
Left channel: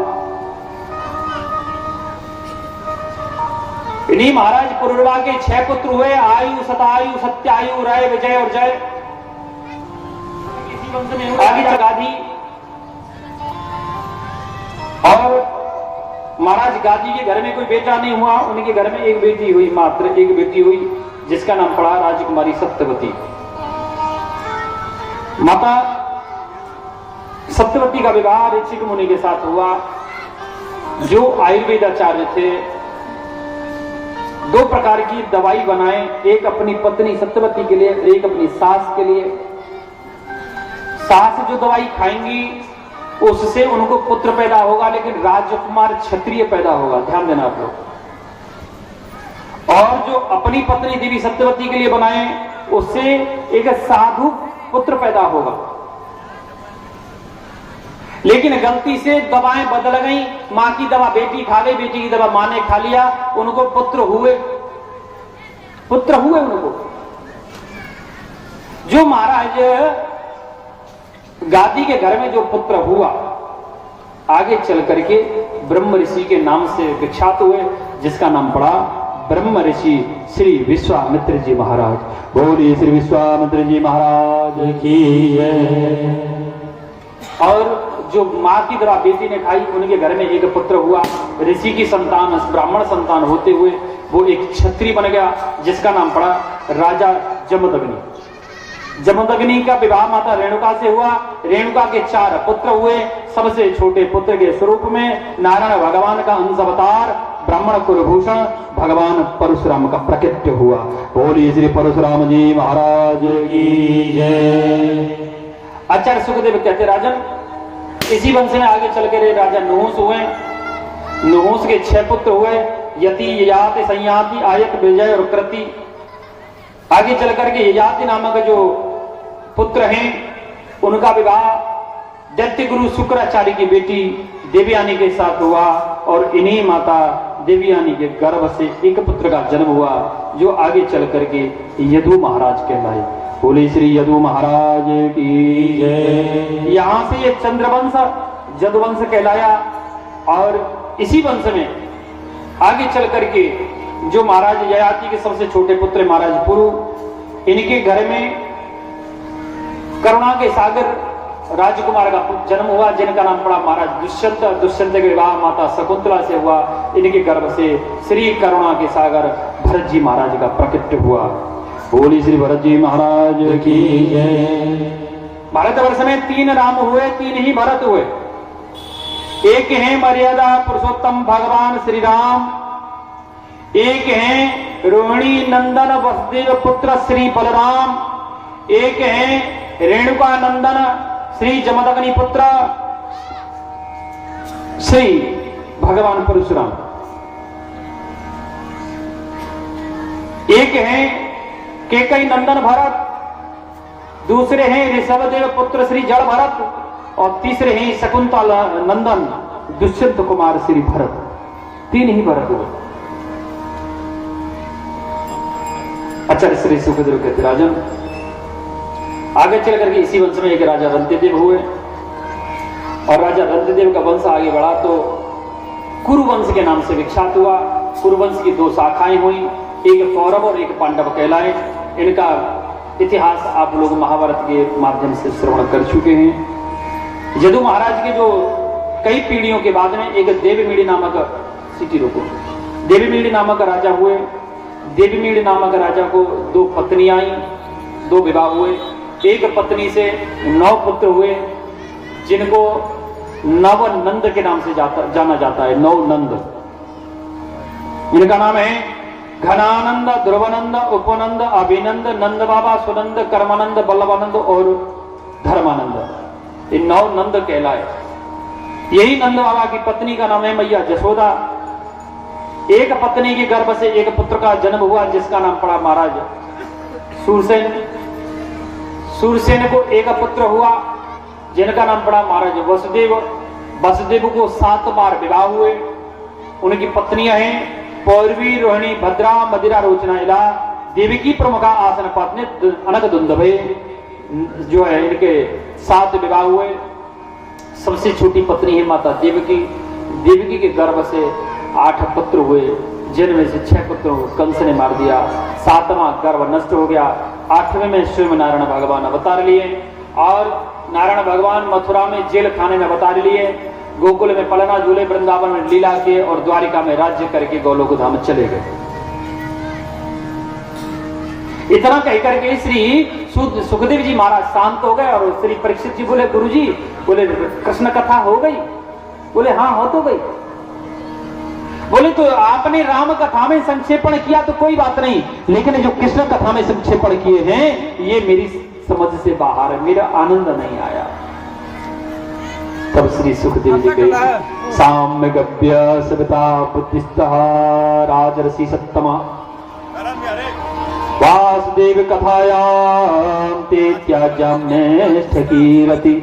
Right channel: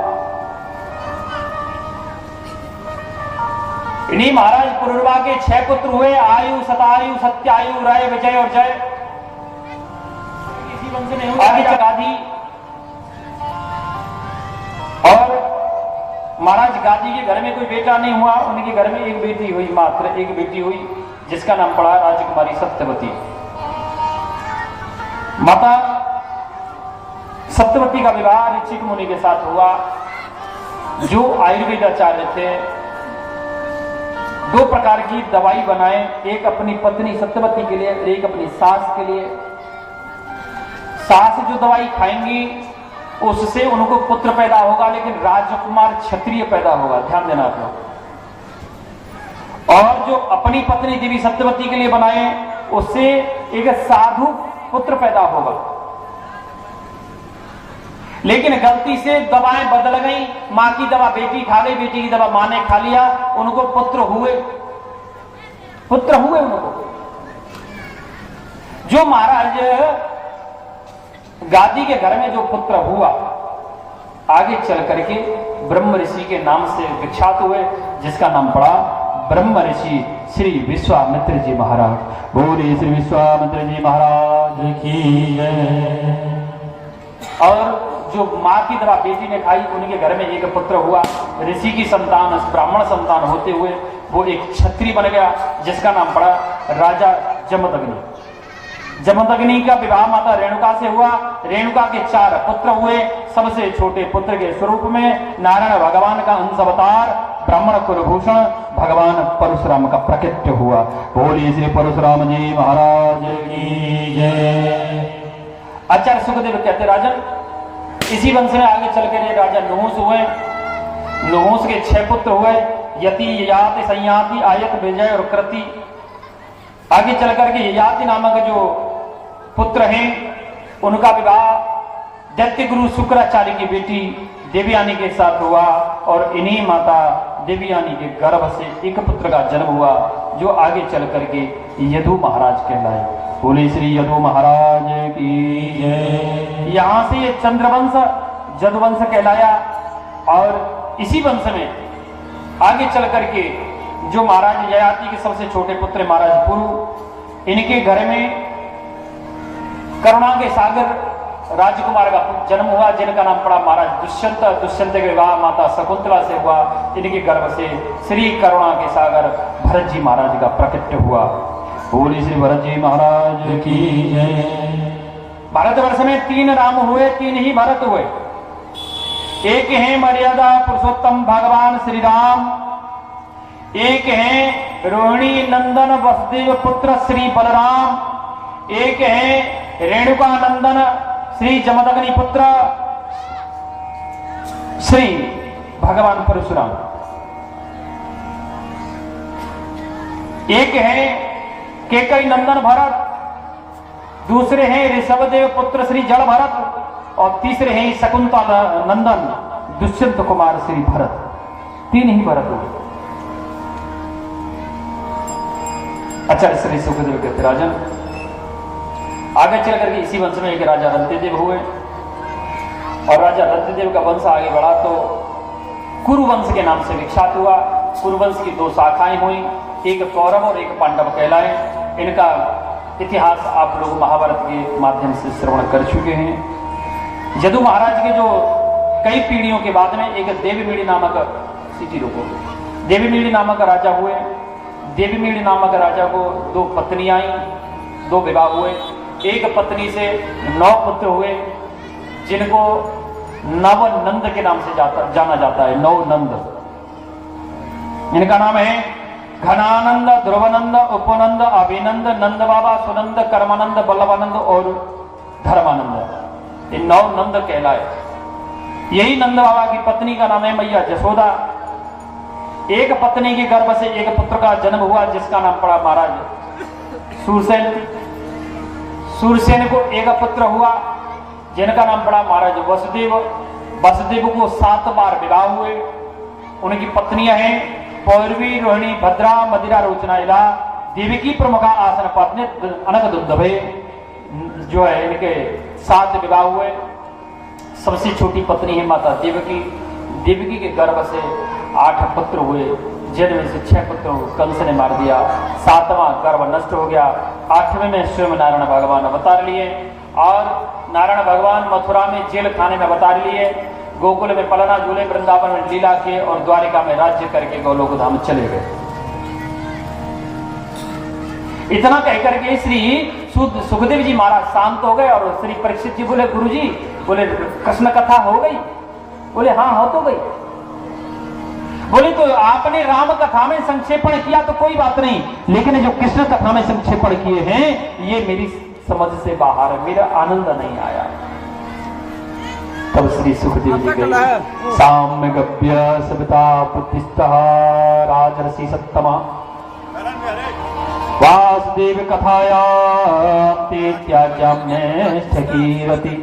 इन्हीं महाराज पुरुरवा के 6 पुत्र हुए, आयु, शतायु, सत्यायु, रय, विजय और जय। इसी वंश में हुआ गादी। और महाराज गादी के घर में कोई बेटा नहीं हुआ, उनके घर में एक बेटी हुई, मात्र एक बेटी हुई, जिसका नाम पड़ा राजकुमारी सत्यवती। माता सत्यवती का विवाह ऋषिक मुनि के साथ हुआ, जो आयुर्वेद आचार्य थे। 2 प्रकार की दवाई बनाए, एक अपनी पत्नी सत्यवती के लिए, एक अपनी सास के लिए। सास जो दवाई खाएंगी उससे उनको पुत्र पैदा होगा, लेकिन राजकुमार क्षत्रिय पैदा होगा, ध्यान देना आप। और जो अपनी पत्नी देवी सत्यवती के लिए बनाए, उससे एक साधु पुत्र पैदा होगा। लेकिन गलती से दवाएं बदल गई, मां की दवा बेटी खा गई, बेटी की दवा मां ने खा लिया, उनको पुत्र हुए उनको। जो महाराज गादी के घर में जो पुत्र हुआ, आगे चल करके ब्रह्म ऋषि के नाम से विख्यात हुए, जिसका नाम पड़ा ब्रह्म ऋषि श्री विश्वामित्र जी महाराज। बोलिए श्री विश्वामित्र जी महाराज की जय। और जो मां की दवा बेटी ने खाई, उनके घर में एक पुत्र हुआ। ऋषि की संतान, ब्राह्मण संतान होते हुए वो एक क्षत्रिय बन गया, जिसका नाम पड़ा राजा जमदग्नि। जमदग्नि का विवाह माता रेणुका से हुआ। रेणुका के 4 पुत्र हुए। सबसे छोटे पुत्र के स्वरूप में नारायण भगवान का अंश अवतार ब्राह्मण कुलभूषण भगवान परशुराम का प्रकट हुआ। बोलिए श्री परशुराम जी महाराज की जय। आचार्य सुखदेव कहते राजन, इसी वंश में आगे चल कर राजा नहुस हुए। नहुस के 6 पुत्र हुए, यति, ययाति, संयाति, आयत, विजय और कृति। आगे चल करके ययाति नामक जो पुत्र हैं, उनका विवाह दैत्य गुरु शुक्राचार्य की बेटी देवयानी के साथ हुआ। और इन्हीं माता देवयानी के गर्भ से एक पुत्र का जन्म हुआ, जो आगे चल करके यदु महाराज कहलाए। बोले श्री यदु महाराज की जय। यहां से ये चंद्रवंश जदुवंश कहलाया। और इसी वंश में आगे चल करके जो महाराज ययाति के सबसे छोटे पुत्र महाराज पुरु, इनके घर में करुणा के सागर राजकुमार का जन्म हुआ, जिनका नाम पड़ा महाराज दुष्यंत। दुष्यंत के विवाह माता शकुंतला से हुआ। इनके गर्भ से श्री करुणा के सागर भरत जी महाराज का प्रकट हुआ। बोली श्री भरत जी महाराज की जय। भारतवर्ष में 3 राम हुए, 3 ही भरत हुए। एक है मर्यादा पुरुषोत्तम भगवान श्री राम, एक है रोहिणी नंदन वसुदेव पुत्र श्री बलराम, एक है रेणुका नंदन श्री जमदग्नि पुत्र श्री भगवान परशुराम, एक है केकई नंदन भरत, दूसरे हैं ऋषभदेव पुत्र श्री जड़ भरत, और तीसरे हैं शकुंतला नंदन दुष्यंत कुमार श्री भरत। 3 ही भरत हुए। आचार्य श्री सुखदेव कहते राजन, आगे चल करके इसी वंश में एक राजा रंतिदेव हुए। और राजा रंतिदेव का वंश आगे बढ़ा तो कुरुवंश के नाम से विख्यात हुआ। कुरुवंश की 2 शाखाएं हुई, एक कौरव और एक पांडव कहलाए। इनका इतिहास आप लोग महाभारत के माध्यम से श्रवण कर चुके हैं। यदु महाराज के जो कई पीढ़ियों के बाद में एक देवमीड़ी नामक देवमीड़ी नामक राजा हुए। देवमीड़ी नामक राजा को 2 पत्नियां आई, 2 विवाह हुए। एक पत्नी से 9 पुत्र हुए, जिनको नवनंद के नाम से जाना जाता है। नवनंद, इनका नाम है घनानंद, ध्रुवानंद, उपनंद, अभिनंद, नंद बाबा, सुनंद, कर्मानंद, बल्लभानंद और धर्मानंद। ये 9 नंद कहलाए। यही नंद बाबा की पत्नी का नाम है मैया जसोदा। एक पत्नी के गर्भ से एक पुत्र का जन्म हुआ जिसका नाम पड़ा महाराज सूरसेन। सूरसेन को एक पुत्र हुआ जिनका नाम पड़ा महाराज वसुदेव। वसुदेव को 7 बार विवाह हुए। उनकी पत्नियां हैं पौरवी, रोहिणी, भद्रा, मदिरा, रोचना, इला, देवकी, प्रमुखा, आसन, पत्नी, अनक, दुंदभे। जो है इनके 7 विवाह हुए। सबसे छोटी पत्नी है माता देवकी। देवकी के गर्भ से 8 पुत्र हुए जिनमें से 6 पुत्रों कंस ने मार दिया। 7वां गर्भ नष्ट हो गया। 8वें में स्वयं नारायण भगवान अवतार लिए और नारायण भगवान मथुरा में जेल खाने में अवतार लिए। गोकुल में पलना झूले, वृंदावन में लीला किए और द्वारिका में राज्य करके गोलोक धाम चले गए। इतना कहकर के श्री सुखदेव जी महाराज शांत हो गए और श्री परीक्षित जी बोले गुरु जी, बोले कृष्ण कथा हो गई? बोले हाँ हो तो गई। बोले तो आपने राम कथा में संक्षेपण किया तो कोई बात नहीं, लेकिन जो कृष्ण कथा में संक्षेपण किए हैं ये मेरी समझ से बाहर है, मेरा आनंद नहीं आया। तब श्री सुखदेव जी गए साम्यगभ्य सविता बुद्धिस्तः राजर्षि सत्तमा वासुदेव कथायां ते त्याज्याम्य स्थकीरति।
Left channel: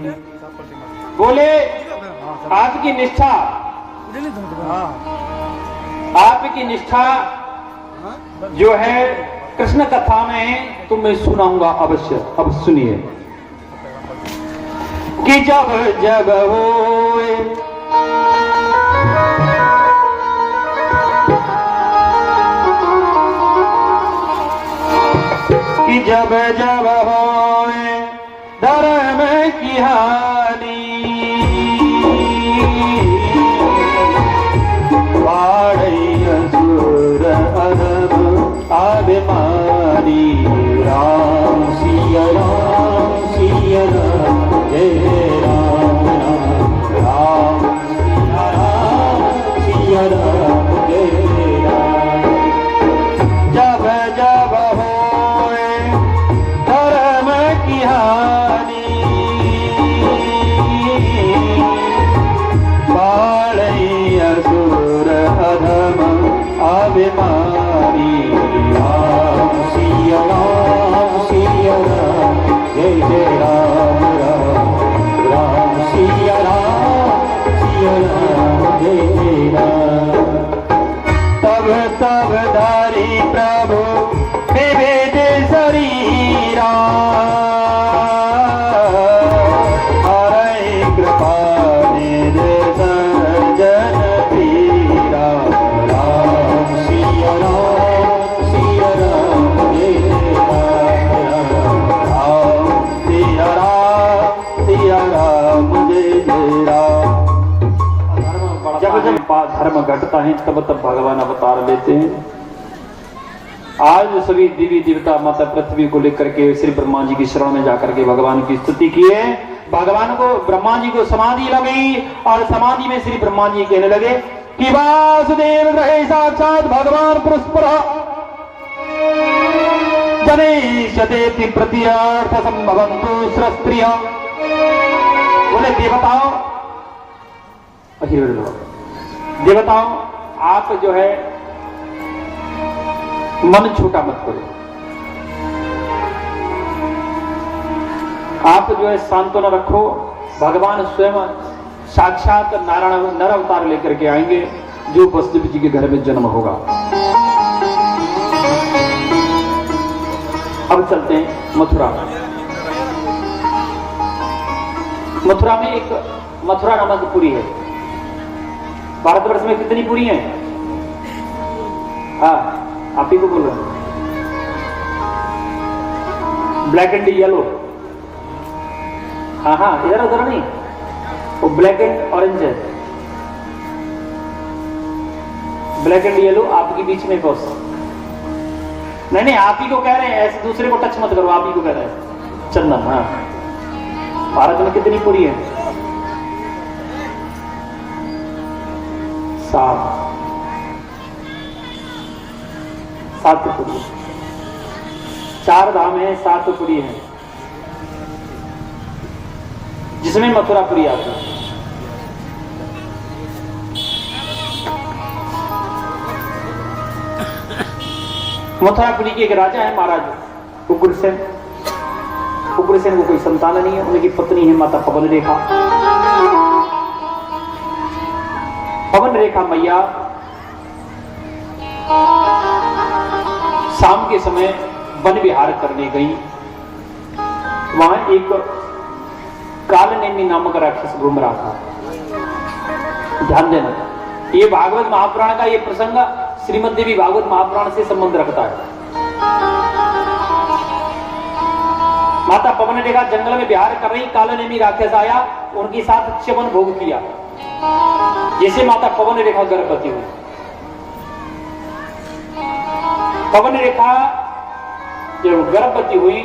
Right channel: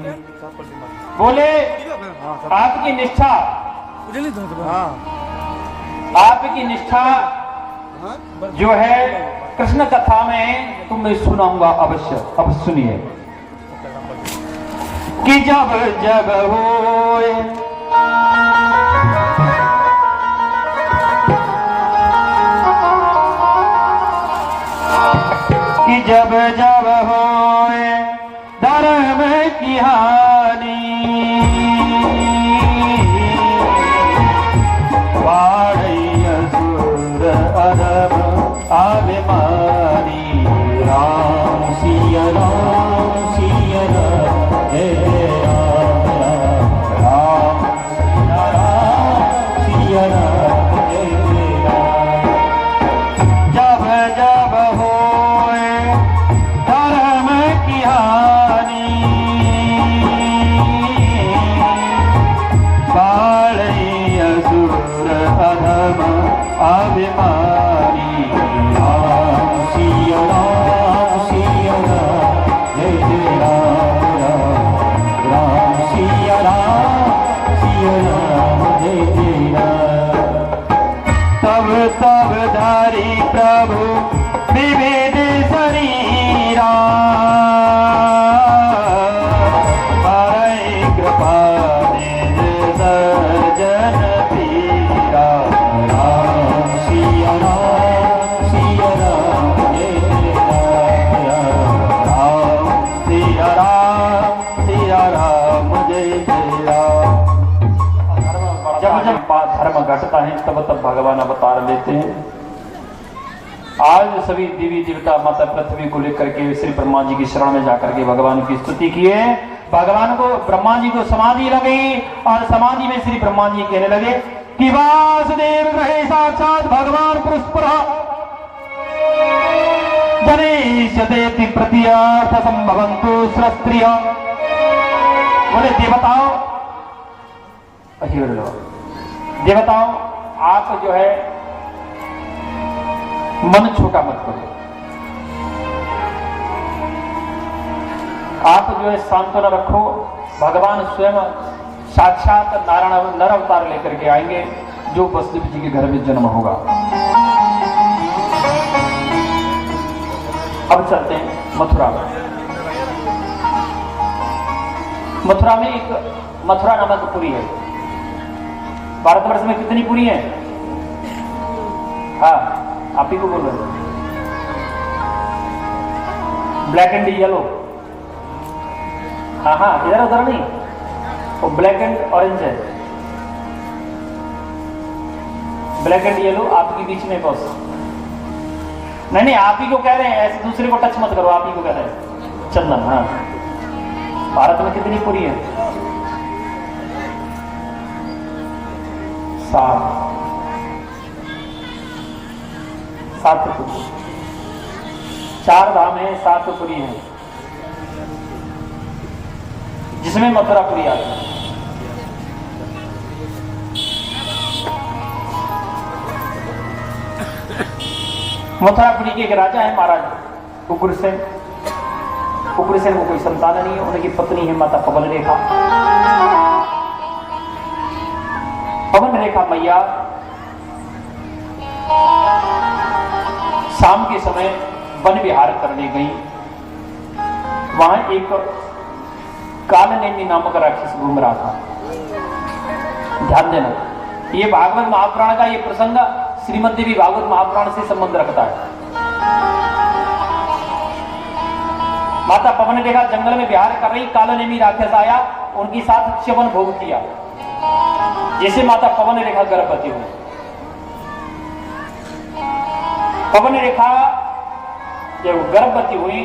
बोले आपकी निष्ठा, आपकी निष्ठा जो है कृष्ण कथा में तो मैं सुनाऊंगा अवश्य। अब सुनिए कि जब जब होए कि जब जब होए धर्म की हानि वाड़ई असुर अरब अभिमानी राम सिया राम सिया राम हे राम राम सिया राम हे राम। जब जब होए धर्म की हानि बाड़ई असुर अधम अभिमानी राम सिया राम जय जय राम राम राम सिया राम जय जय राम। तब धारी प्रभु विविध शरीरा हरे कृपा निर्भजन पीरा राम सिया राम जय जय राम सिया राम जय जय राम। जब जब धर्म घटता है तब तब भगवान अवतार लेते हैं। आज सभी देवी देवता माता पृथ्वी को लेकर के श्री ब्रह्मा जी की शरण में जाकर के भगवान की स्तुति किए। भगवान को ब्रह्मा जी को समाधि लगी और समाधि में श्री ब्रह्मा जी कहने लगे कि वासुदेव ग्रहे साक्षात भगवान पुरुषपर गणेशदेति प्रत्यार्थ संभवन्तु स्त्रिय। बोले देवताओं आप जो है मन छोटा मत करो, आप जो है सांत्वना रखो। भगवान स्वयं साक्षात नारायण नर अवतार लेकर के आएंगे जो वसुदेव जी के घर में जन्म होगा। अब चलते हैं मथुरा। मथुरा में एक मथुरा नामक पुरी है। भारतवर्ष में कितनी पुरी है? हाँ आप ही को बोलो। Black and yellow. हाँ हाँ इधर उधर नहीं, वो ब्लैक एंड ऑरेंज है। ब्लैक एंड येलो आपके बीच में बस नहीं आप ही को कह रहे हैं, ऐसे दूसरे को टच मत करो, आप ही को कह रहे हैं। चंदन। हाँ भारत में कितनी पुरी है? 7 पुरी। 4 धाम है, 7 पुरी है। जिसमें मथुरापुरी आती है। मथुरापुरी के एक राजा है महाराज उग्रसेन। उग्रसेन को कोई संतान नहीं है, उनकी पत्नी है माता पवन रेखा। पवन रेखा मैया शाम के समय वन विहार करने गई। वहां एक कालनेमी नामक राक्षस घूम रहा था। ध्यान देना, ये भागवत महापुराण का ये प्रसंग श्रीमद् देवी भागवत महापुराण से संबंध रखता है। माता पवन रेखा जंगल में विहार कर रही, कालनेमी राक्षस आया, उनके साथ च्यवन भोग किया। जैसे माता पवन रेखा गर्भवती हुई। पवन रेखा जब गर्भवती हुई,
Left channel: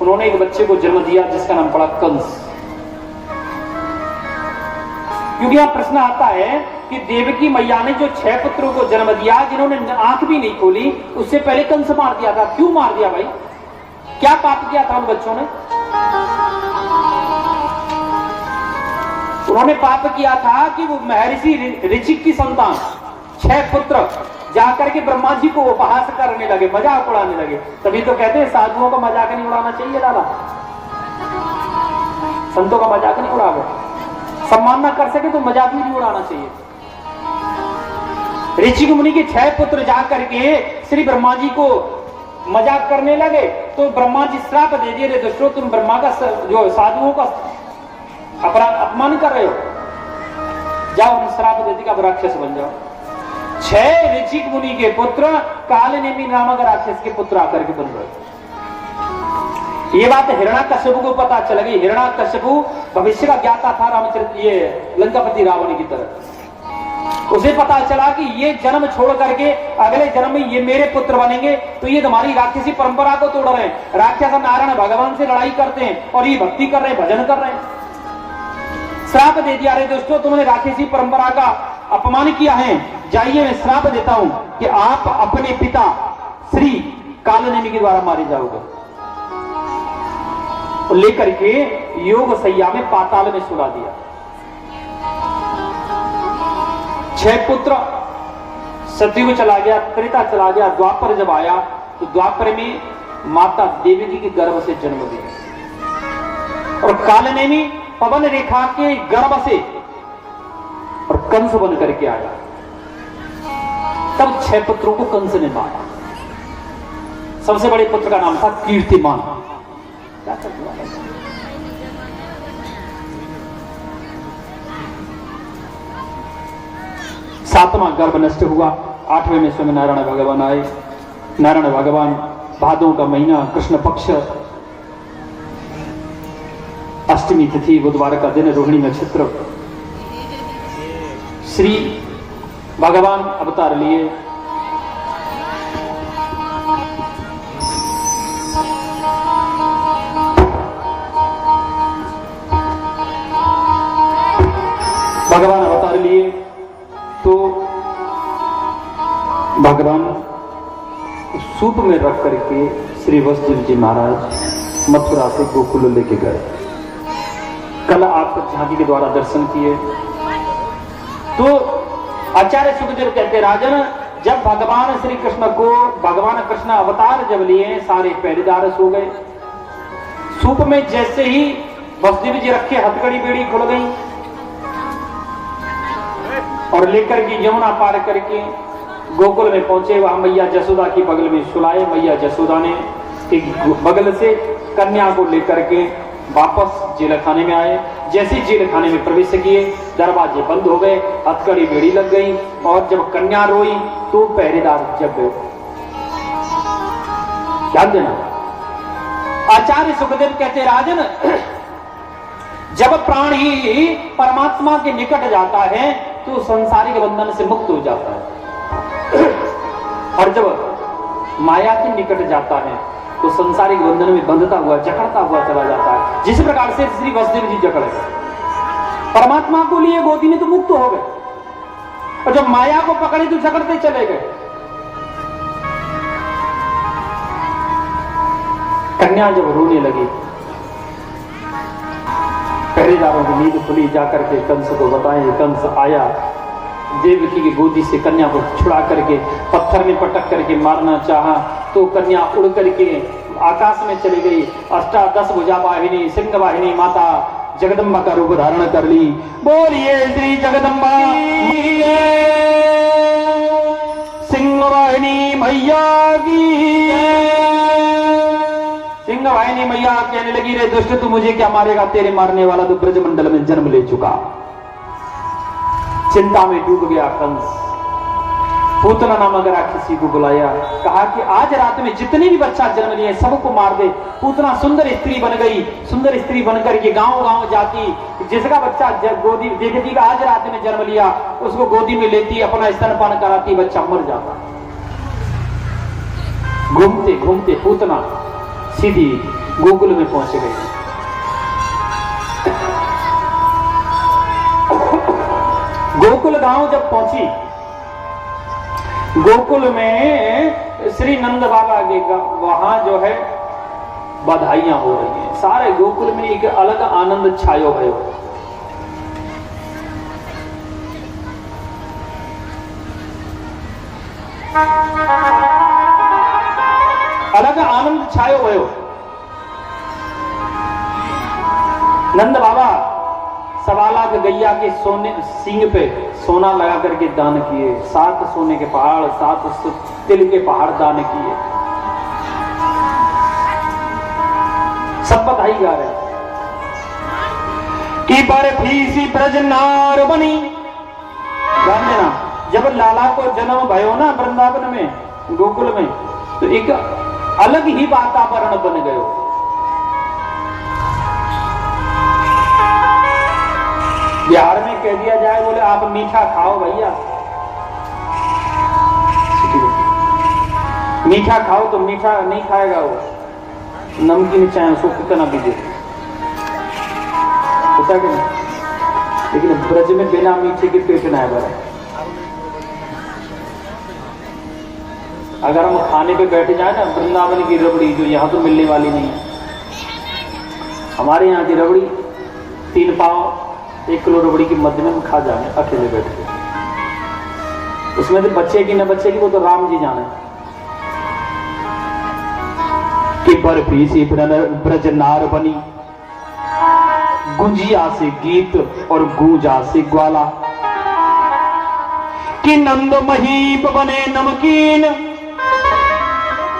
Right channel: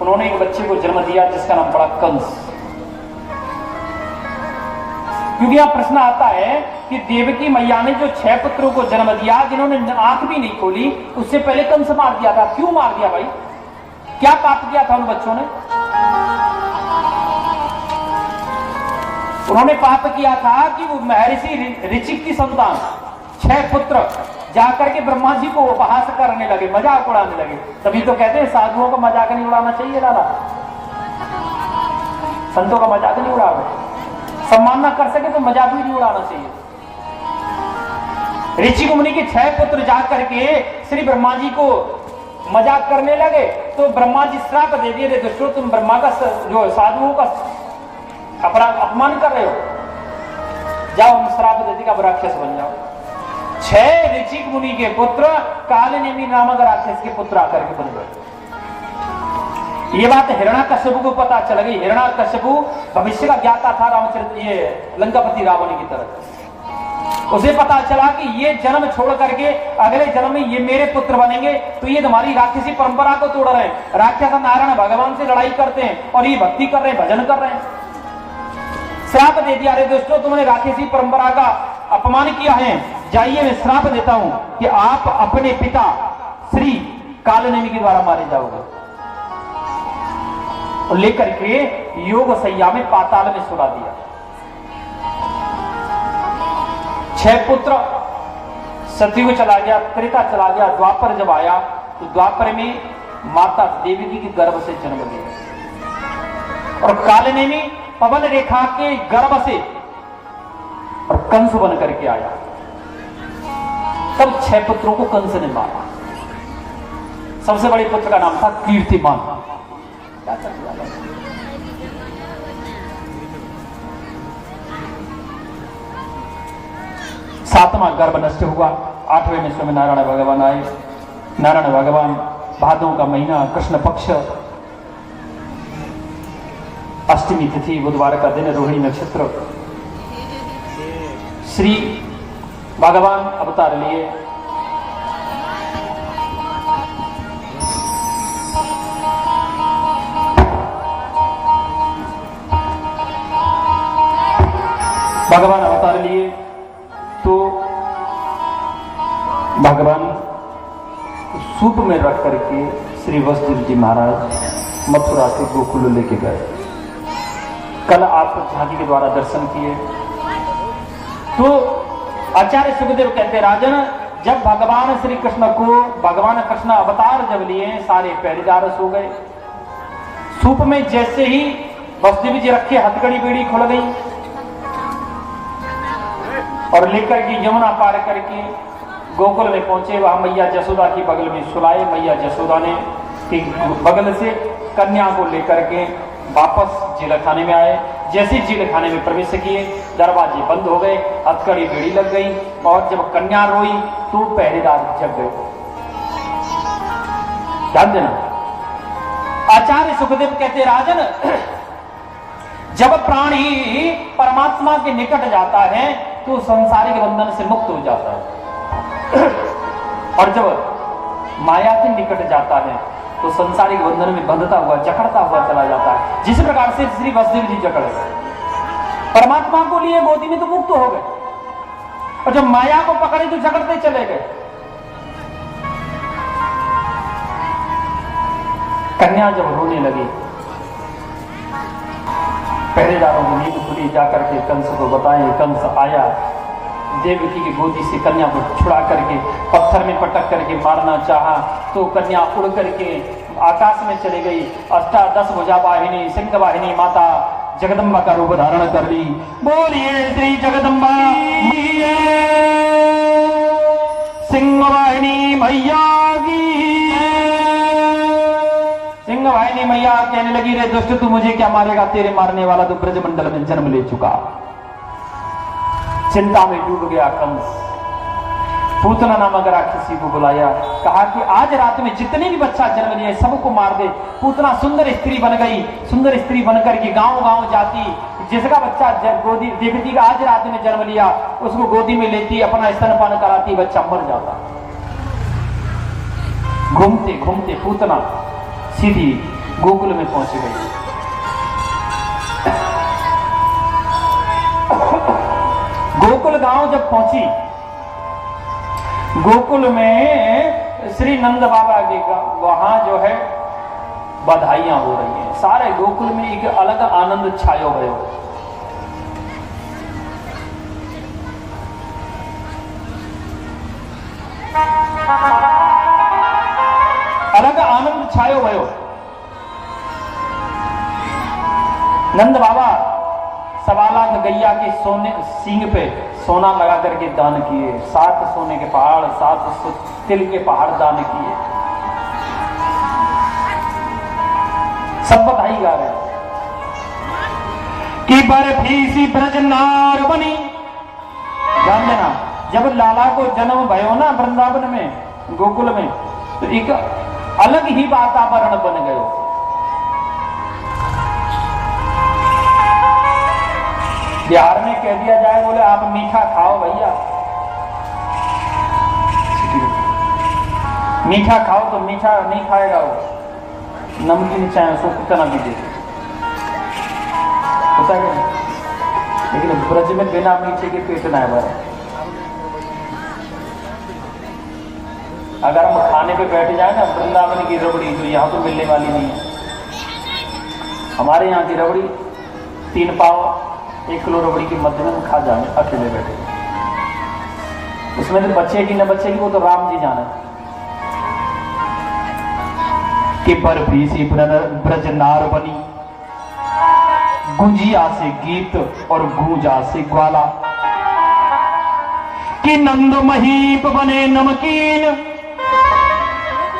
उन्होंने एक बच्चे को जन्म दिया जिसका नाम पड़ा कंस। क्योंकि यहां प्रश्न आता है कि देवकी मैया ने जो 6 पुत्रों को जन्म दिया, जिन्होंने आंख भी नहीं खोली, उससे पहले कंस मार दिया था। क्यों मार दिया भाई? क्या पाप किया था उन बच्चों ने? उन्होंने पाप किया था कि वो महर्षि ऋचिक की संतान 6 पुत्र जाकर के ब्रह्मा जी को उपहास करने लगे, मजाक उड़ाने लगे। तभी तो कहते हैं साधुओं का मजाक नहीं उड़ाना चाहिए दादा, संतों का मजाक नहीं उड़ाओ, सम्मान ना कर सके तो मजाक भी नहीं उड़ाना चाहिए। ऋषि मुनि के 6 पुत्र जाकर के श्री ब्रह्मा जी को मजाक करने लगे, तो ब्रह्मा जी श्राप दे दिए, दोस्तों तुम ब्रह्मा का जो साधुओं का अपमान कर रहे हो, जाओ उन श्राप दे दिया, राक्षस बन जाओ। 6 ऋषि मुनि के पुत्र कालनेमी नामक राक्षस के पुत्र आकर के बन गए। ये बात हिरण्याकश्यप को पता चल गई। हिरण्याकश्यप भविष्य का ज्ञाता था रामचरित्र, ये लंकापति रावण की तरह। उसे पता चला कि ये जन्म छोड़ करके अगले जन्म में ये मेरे पुत्र बनेंगे, तो ये तुम्हारी राक्षसी परंपरा को तोड़ रहे हैं। राक्षस नारायण भगवान से लड़ाई करते हैं और ये भक्ति कर रहे हैं, भजन कर रहे हैं। श्राप दे दिया, अरे दोस्तों तुमने राक्षसी परंपरा का अपमान किया है, जाइए मैं श्राप देता हूं कि आप अपने पिता श्री कालनेमी के द्वारा मारे जाओगे। और लेकर के योग सैया में पाताल में सुला दिया। 6 पुत्र, सतयुग चला गया, त्रेता चला गया, द्वापर जब आया तो द्वापर में माता देवकी के गर्भ से जन्म लिया और कालनेमी पवन रेखा के गर्भ से और कंस बन करके आया। तब 6 पुत्रों को कंस ने मारा। सबसे बड़े पुत्र का नाम था कीर्तिमान। सातवां गर्भ नष्ट हुआ। 8वें में स्वामी नारायण भगवान आए। नारायण भगवान भादों का महीना, कृष्ण पक्ष, अष्टमी तिथि, बुधवार का दिन, रोहिणी नक्षत्र, श्री भगवान अवतार लिए। भगवान अवतार लिए तो भगवान सूप में रख करके श्री वसुदेव जी महाराज मथुरा से गोकुल लेके गए। कल आप झांकी के द्वारा दर्शन किए। तो आचार्य सुखदेव कहते राजन, जब भगवान श्री कृष्ण को, भगवान कृष्ण अवतार जब लिए, सारे पहरेदार सो गए। सूप में जैसे ही वसुदेव जी रखे, हथकड़ी बेड़ी खुल गई और लेकर के यमुना पार करके गोकुल में पहुंचे। वहां मैया जसोदा की बगल में सुलाए। मैया जसोदा ने एक बगल से कन्या को लेकर के वापस जेल खाने में आए। जैसे जेल खाने में प्रवेश किए, दरवाजे बंद हो गए, हथकड़ी बेड़ी लग गई और जब कन्या रोई तो पहरेदार जग गए। ध्यान देना, आचार्य सुखदेव कहते राजन, जब प्राणी परमात्मा के निकट जाता है तो संसारिक बंधन से मुक्त हो जाता है और जब माया के निकट जाता है तो संसारिक बंधन में बंधता हुआ, जकड़ता हुआ चला जाता है। जिस प्रकार से श्री वसुदेव जी जकड़ परमात्मा को लिए गोदी में तो मुक्त हो गए और जब माया को पकड़े तो जकड़ते चले गए। कन्या जब रोने लगी पहरेदारों की नींद खुली, जाकर के कंस को बताएं। कंस आया, देवकी की गोदी से कन्या को छुड़ा करके पत्थर में पटक करके मारना चाहा, तो कन्या उड़ करके आकाश में चली गई। अष्टादश भुजा वाहिनी सिंह वाहिनी माता जगदम्बा का रूप धारण कर ली। बोलिए श्री जगदम्बा सिंह वाहिनी मैया की। सिंह वाहिनी मैया कहने लगी, रे दुष्ट तू मुझे क्या मारेगा, तेरे मारने वाला तो ब्रजमंडल में जन्म ले चुका। चिंता में डूब गया कंस। पूतना नामक राक्षसी को बुलाया, कहा कि आज रात में जितने भी बच्चा जन्म लिए सबको मार दे। पूतना सुंदर स्त्री बन गई। सुंदर स्त्री बनकर के गांव गांव जाती, जिसका बच्चा गोदी देखती का आज रात में जन्म लिया, उसको गोदी में लेती, अपना स्तनपान कराती, बच्चा मर जाता। घूमते घूमते पूतना सीधी गोकुल में पहुंच गई। गोकुल गांव जब पहुंची, गोकुल में श्री नंद बाबा के वहां जो है बधाइयां हो रही हैं। सारे गोकुल में एक अलग आनंद छायो है। अलग आनंद छायो भयो। नंद बाबा 1.25 लाख गैया के सोने सींग पे सोना लगा करके दान किए। 7 सोने के पहाड़, 7 तिल के पहाड़ दान किए। सब बधाई गा रहे हैं कि बर्फी सी ब्रजनार बनी। ध्यान देना, जब लाला को जन्म भयो ना वृंदावन में, गोकुल में, तो एक अलग ही वातावरण बन गयो। बिहार में कह दिया जाए, बोले आप मीठा खाओ भैया, मीठा खाओ, तो मीठा नहीं खाएगा वो, नमकीन चाहे उसको कितना भी दे होता है कि नहीं। लेकिन ब्रज में बिना मीठे के पेट ना है। अगर हम खाने पे बैठ जाए ना, वृंदावन की रबड़ी जो यहाँ तो मिलने वाली नहीं है, हमारे यहाँ की रबड़ी 3 पाव 1 किलो रबड़ी की मध्य में खा जाए अकेले बैठे। उसमें तो बच्चे की न बच्चे की, वो तो राम जी जाने। कि बर्फी सी ब्रजनार बनी, गुंजिया से गीत और गूंजा से ग्वाला। कि नंद महीप बने नमकीन,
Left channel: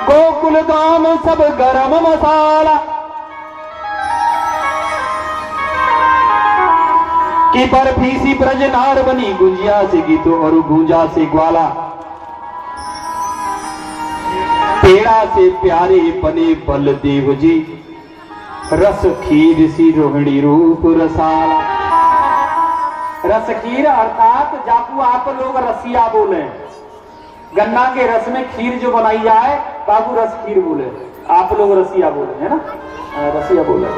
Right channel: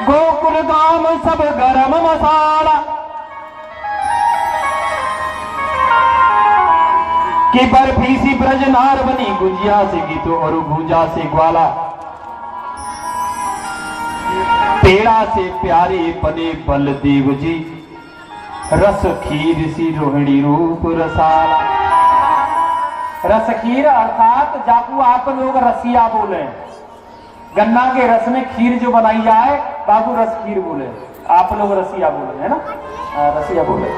गोकुल गाम सब गरम मसाला। कि बर्फी सी ब्रजनार बनी, गुंजिया से गीत और गूंजा से ग्वाला। पेड़ा से प्यारे बने बलदेव जी, रस खीर सी रोहिणी रूप रसाला। रस खीर अर्थात जाकू आप लोग रसिया बोले, गन्ना के रस में खीर जो बनाई जाए बाबू रस खीर बोले, आप लोग रसिया बोले, है ना, रसिया बोले।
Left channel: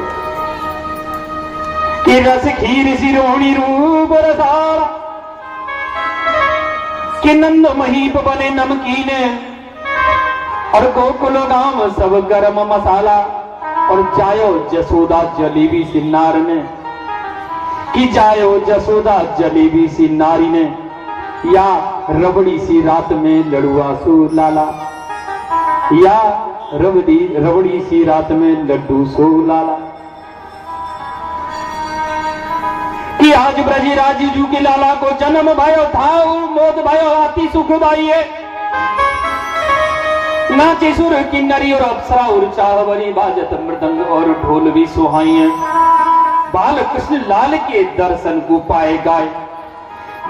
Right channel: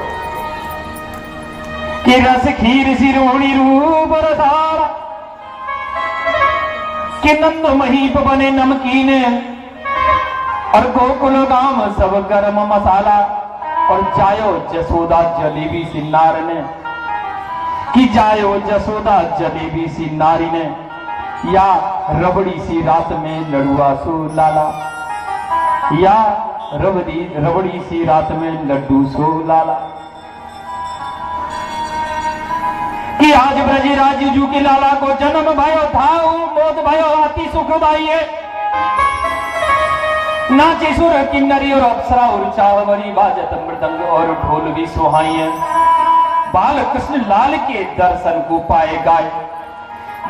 कि रस खीर सी रोहिणी रूप रसाला। कि नंद महीप बने नमकीन, और गोकुल गाम सब गरम मसाला। और जायो जसोदा जलेबी सी नार ने, कि जायो जसोदा जलेबी सी नारी ने, या रबड़ी सी रात में लड़ुआ सो लाला। या रबड़ी सी रात में लड्डू सो लाला। कि आज ब्रज राजू की लाला को जन्म भयो था, मोद भयो अति सुखदाई। नाचे सुर किन्नरी और अप्सरा और चावरी, बाजत मृदंग और ढोल भी सुहाई। बाल कृष्ण लाल के दर्शन को पाए गाय,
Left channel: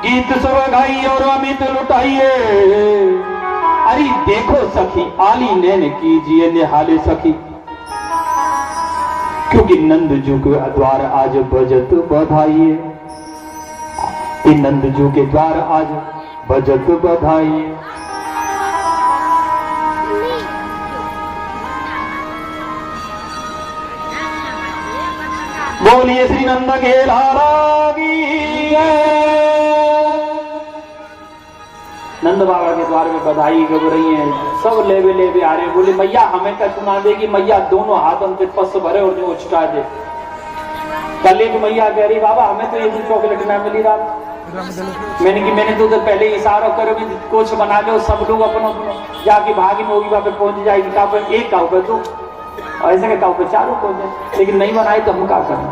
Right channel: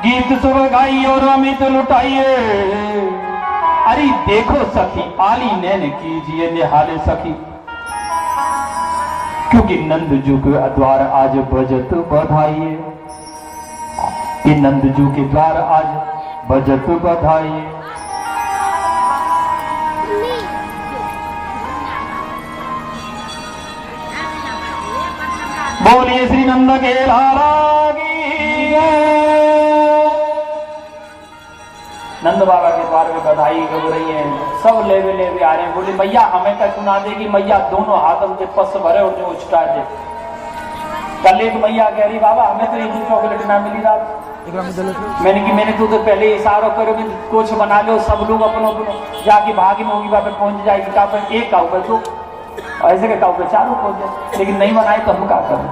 गीत सुर गाई और अमित लुटाइए। अरे देखो सखी आली नैन कीजिए निहाले सखी, क्योंकि नंद जू के द्वार आज बजत बधाइए। नंद जू के द्वार आज बजत बधाइए। बोलिए श्री नंद के लाला की। नंद बाबा के द्वार में बधाई गब रही है, सब लेवे लेवे आ रहे हैं। बोले मैया हमें तक सुना देगी, मैया दोनों हाथों पे पस भरे और जो उछटा दे। कल एक भैया कह रही बाबा हमें तो एक चॉकलेट ना मिली रात। मैंने तो पहले इशारा करो कि कुछ बना लो सब लोग अपने जाके भागी में होगी वहां पे पहुंच जाएगी। का एक का तो ऐसे कहता हूँ चारों पहुंच जाए, लेकिन नहीं बनाए तो हम क्या करें।